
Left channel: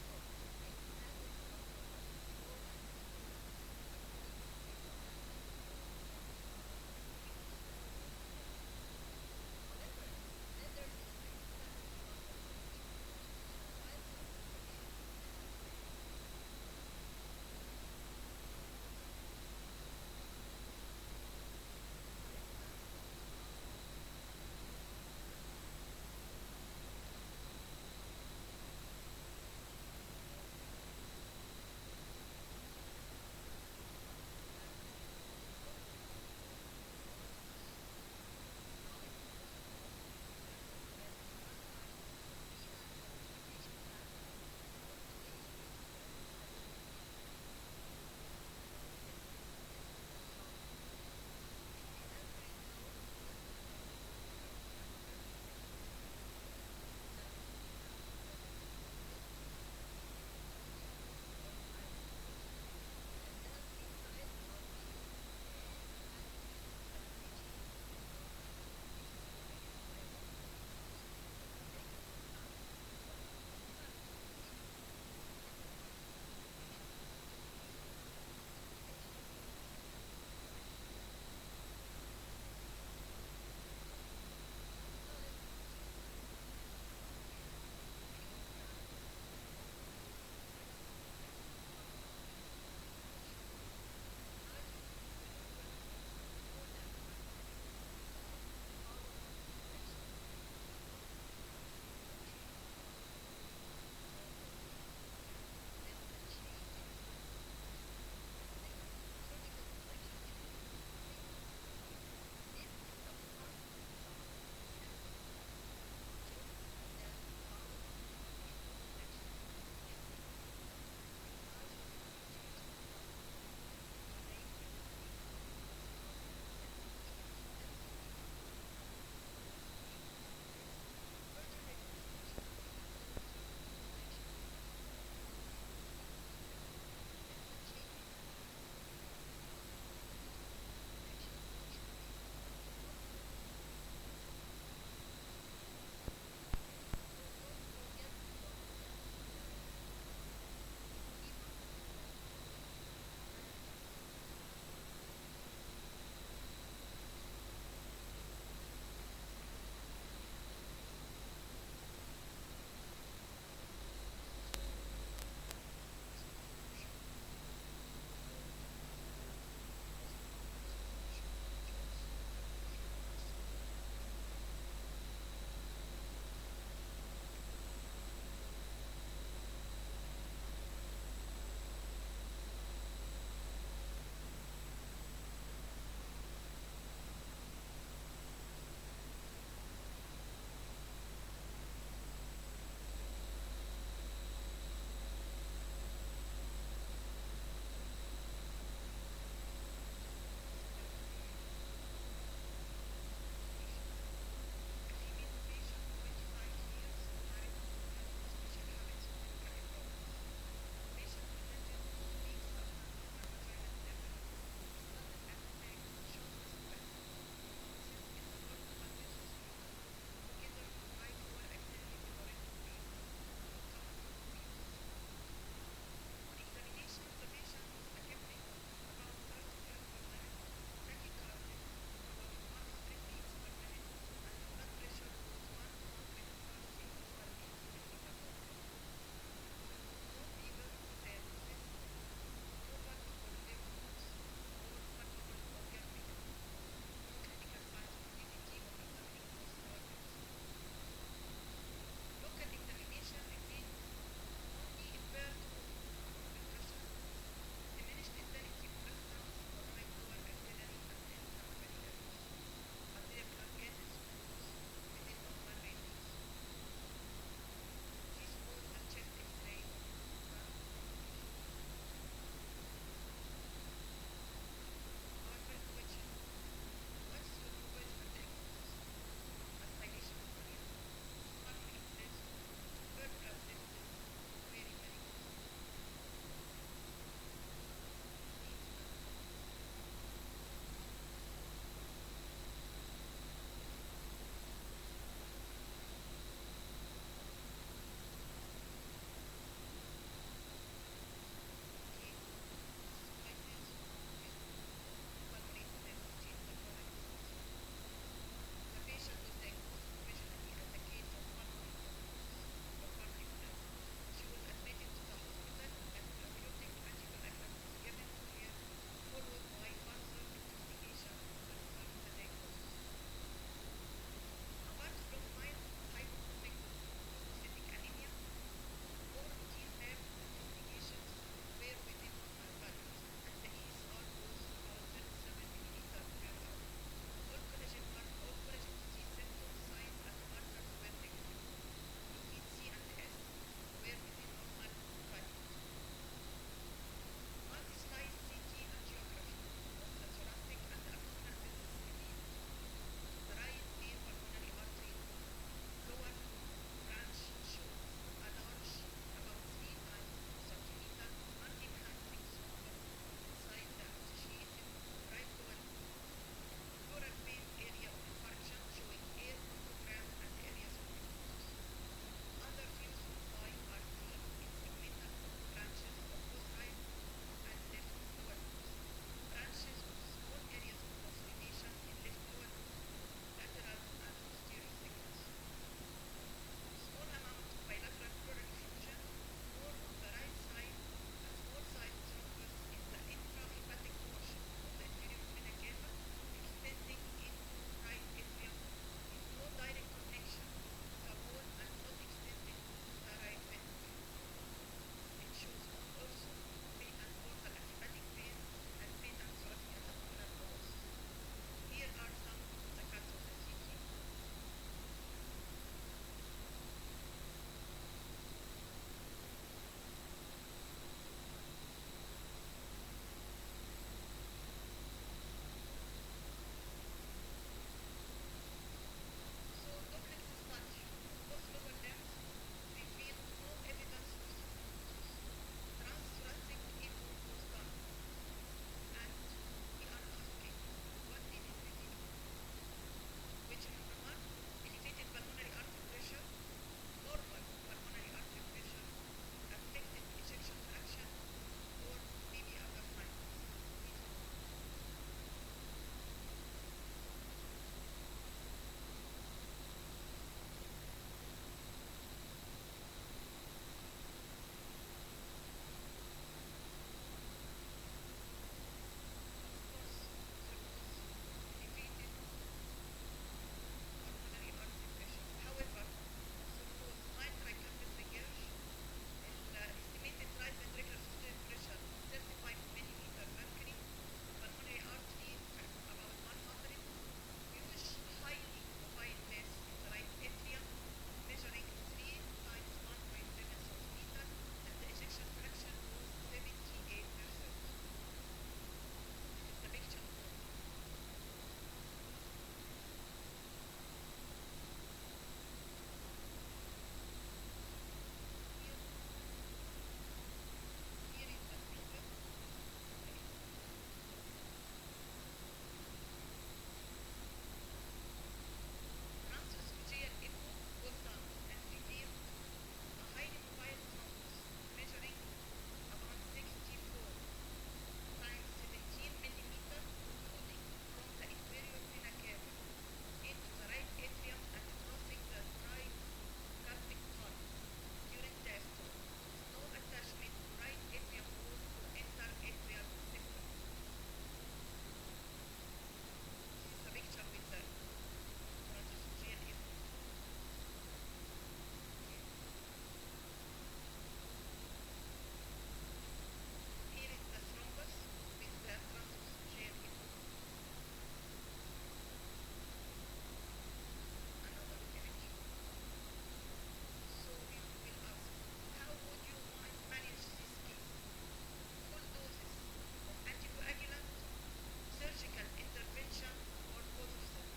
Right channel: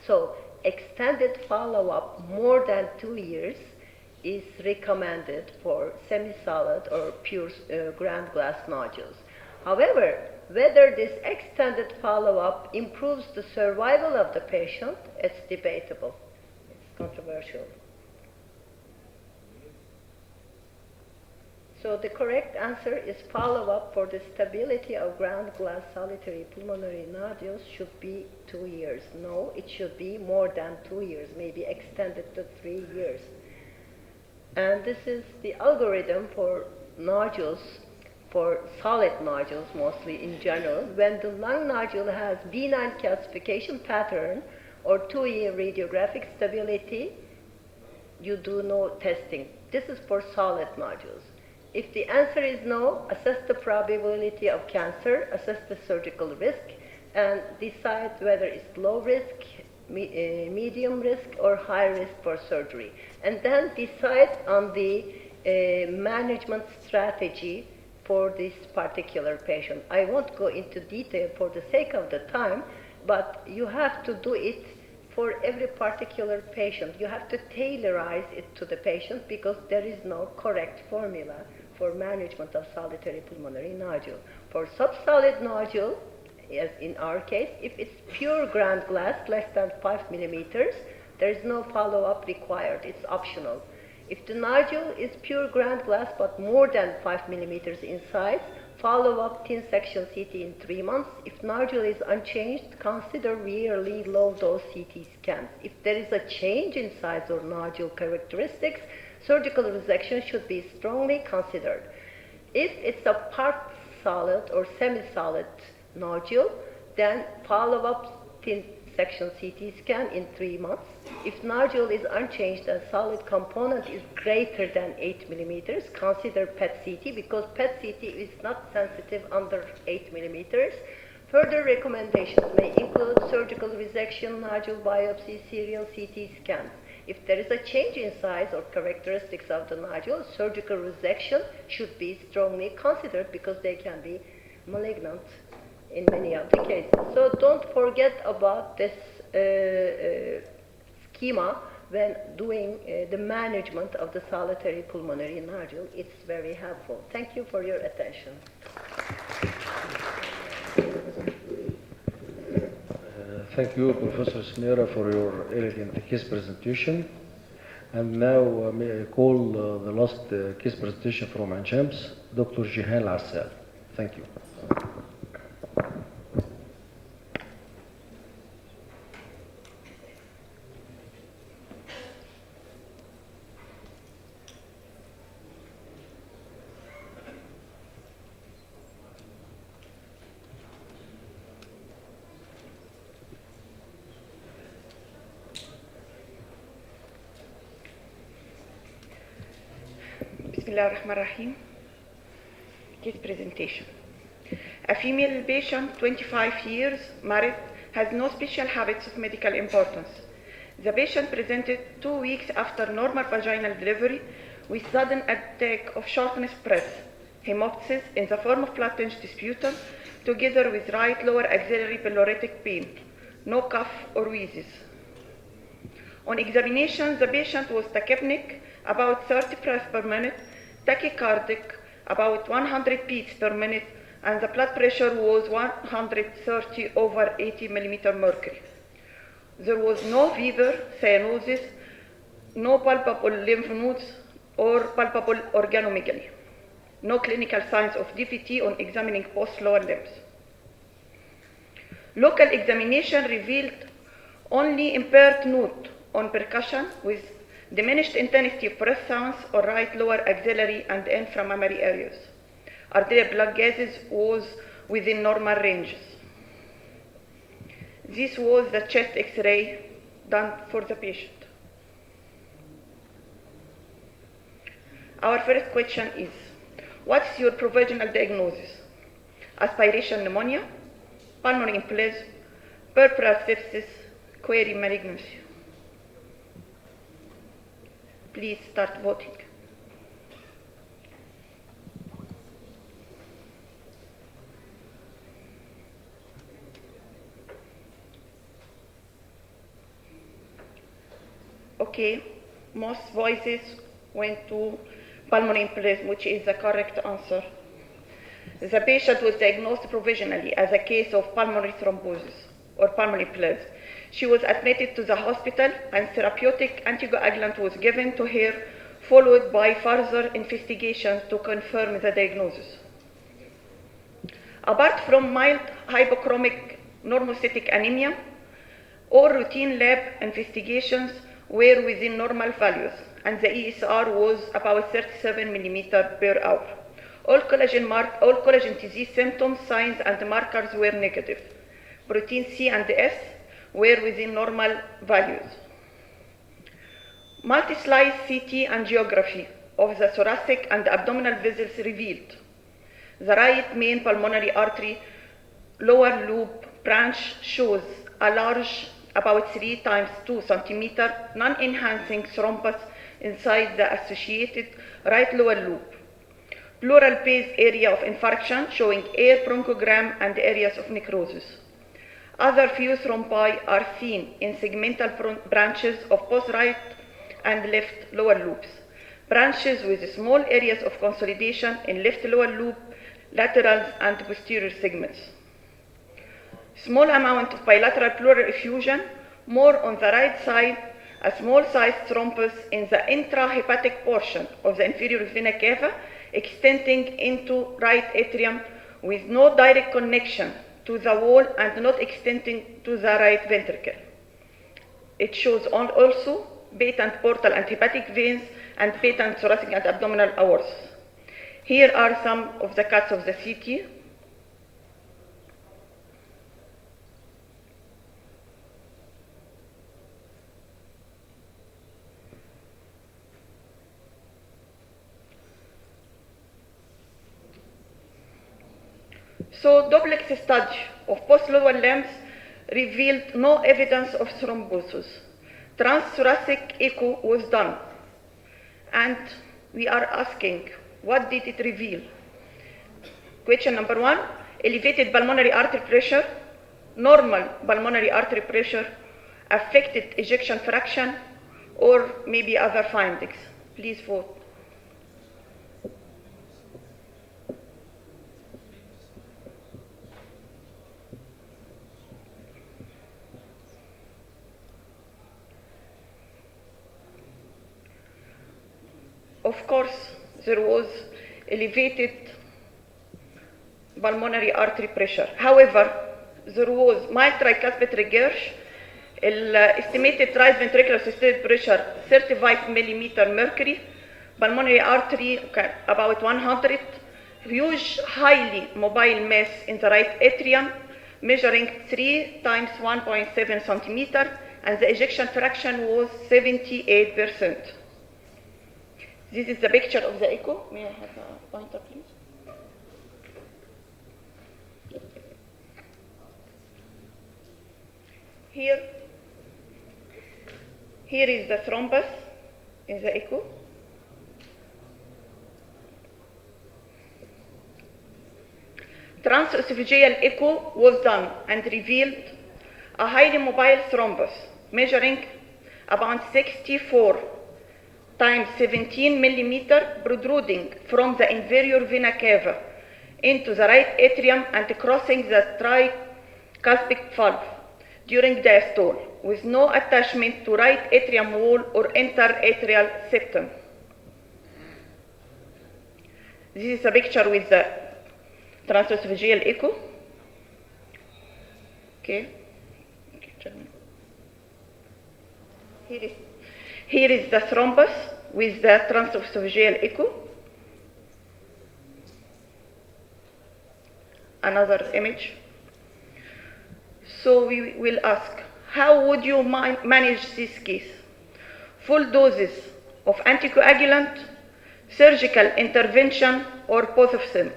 So extended follow-up more than 2 years is recommended for semi-solid or pure ground glass nodules. However, whether this extended follow-up improves the survival of the patient, it's debatable. It's controversial. So the correct answer is follow-up for the stability of ground glass solitary pulmonary nodules should be 2 years. No, it should be more than 2 years, maybe extended to 3 years. And this is the algorithm for nodules, for solid nodules mostly in general. When the lung nodule has benign calcification pattern or 2-year radiographic stability, you do no testing. This is for solid nodules. If the answer is no, assess the probability of cancer, assess the surgical risk, and decide whether it's low risk, medium risk, or high risk for surgery. And then decide on the management strategy for this particular patient. I won't go into detail for the sake of the time, but you have to do it for every particular patient. You have to tailorize it to the patient because there is no correct formula for management of solitary pulmonary nodule. For subsolid nodule, as in our case, if it's pure ground glass, less than 5 millimeters, there is no follow-up required. It's optional. If the nodule is pure ground glass but more than 5 millimeters in size, follow up thin section CT in 3 months. If nodule is unchanged, consider yearly low-dose CT scans. If there is a change in size or nodule characteristics, surgical resection should be strongly considered. If it's a part solid or semi-solid nodule, then follow up thin section CT scan in 3 months. If nodule is unchanged and solid component is greater than 8 millimeters, consider PET-CT because PET-CT is not sensitive under 8 millimeters. Further recommendations may include surgical resection, nodule biopsy, serial CT scans. If there is a change in size or characteristics of the nodule, surgical resection should be strongly considered because they can be malignant in many of the cases. So don't forget about this schema when doing the management of the solitary pulmonary nodule. It's very helpful. Thank you for your attention. Thank you, Professor Smira, for your elegant case presentation. And now may I call the last case presentation from Ain Shams, Dr. Jihan Assal. Thank you. Bismillahirrahmanirrahim. Case presentation. A female patient, 25 years, married, has no special habits of medical importance. The patient presented 2 weeks after normal vaginal delivery with sudden attack of shortness breath, hemoptysis in the form of flattened sputum, together with right lower axillary pyloretic pain, no cough or wheezes. On examination, the patient was tachypneic, about 30 breaths per minute, tachycardic, about 100 beats per minute, and the blood pressure was 130/80 millimeter mercury. There was no fever, cyanosis, no palpable lymph nodes, or palpable organomegaly. No clinical signs of DVT on examining both lower limbs. Local examination revealed only impaired note on percussion with diminished intensity of breath sounds or right lower axillary and inframammary areas. Arterial blood gases was within normal ranges. This was the chest X-ray done for the patient. Our first question is, what's your provisional diagnosis? Aspiration pneumonia, pulmonary embolism, peripheral sepsis, query malignancy. Please start voting. Okay, most voices went to pulmonary embolism, which is the correct answer. The patient was diagnosed provisionally as a case of pulmonary thrombosis or pulmonary embolism. She was admitted to the hospital and therapeutic anticoagulant was given to her, followed by further investigations to confirm the diagnosis. Apart from mild hypochromic normocytic anemia, all routine lab investigations were within normal values, and the ESR was about 37 millimeter per hour. All collagen disease symptoms, signs, and markers were negative. Protein C and S were within normal values. Multi-slice CT angiography of the thoracic and abdominal vessels revealed the right main pulmonary artery lower loop branch shows a large, about 3 times 2 centimeter, non-enhancing thrombus inside the associated right lower loop. Pleural base area of infarction showing air bronchogram and areas of necrosis. Other few thrombi are seen in segmental branches of both right and left lower loops. Branches with small areas of consolidation in left lower loop, laterals, and posterior segments. Small amount of bilateral pleural effusion, more on the right side, a small sized thrombus in the intrahepatic portion of the inferior vena cava, extending into right atrium with no direct connection to the wall and not extending to the right ventricle. It shows also patent portal and hepatic veins and patent thoracic and abdominal aortas. Here are some of the cuts of the CT. So duplex study of both lower limbs revealed no evidence of thrombosis. Transthoracic echo was done, and we are asking, what did it reveal? Question number 1, elevated pulmonary artery pressure, normal pulmonary artery pressure, affected ejection fraction, or maybe other findings. Please vote. Of course, there was elevated pulmonary artery pressure. However, there was mild tricuspid regurg, estimated right ventricular systolic pressure 35 millimeter mercury, pulmonary artery about 100, huge highly mobile mass in the right atrium measuring 3 times 1.7 centimeter, and the ejection fraction was 78%. This is the picture of the echo. May I have a pointer, please? Here is the thrombus in the echo. Transesophageal echo was done and revealed a highly mobile thrombus measuring about 64 times 17 millimeter protruding from the inferior vena cava into the right atrium and crossing the tricuspid valve during diastole with no attachment to right atrium wall or interatrial septum. This is a picture with the transesophageal echo. Okay. Here is the thrombus with the transesophageal echo. Another image. So we will ask, how would you manage this case? Full doses of anticoagulant, surgical intervention, or both of them?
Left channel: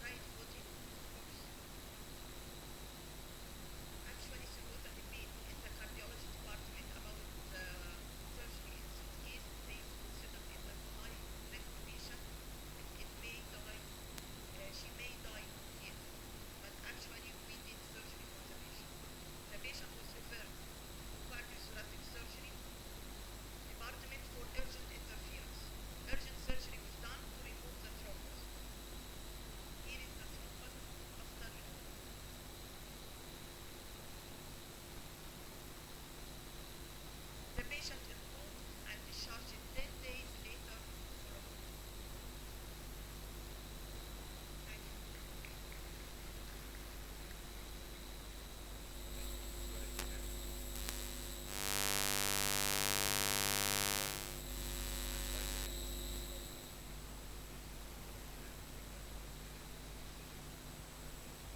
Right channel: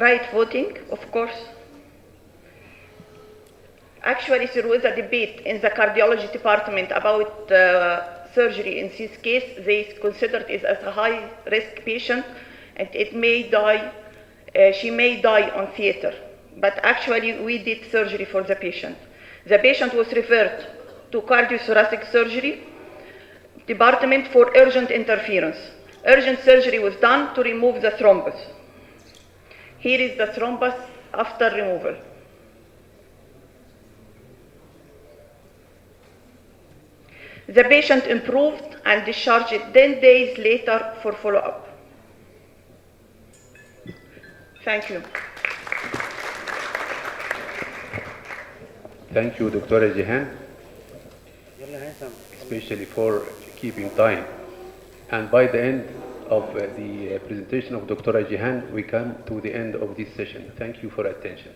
Right voting, of course. Actually, there was a debate in the cardiology department about surgery in this case. They considered it as a high-risk patient, and it may die. She may die on theater. But actually, we did surgery for the patient. The patient was referred to cardiothoracic surgery department for urgent interference. Urgent surgery was done to remove the thrombus. Here is the thrombus after removal. The patient improved and discharged 10 days later for follow-up. Thank you. Thank you, Dr. Jihan, especially for keeping time. And by the end of the presentation of Dr. Jihan, we come to the end of this session. Thank you for attention.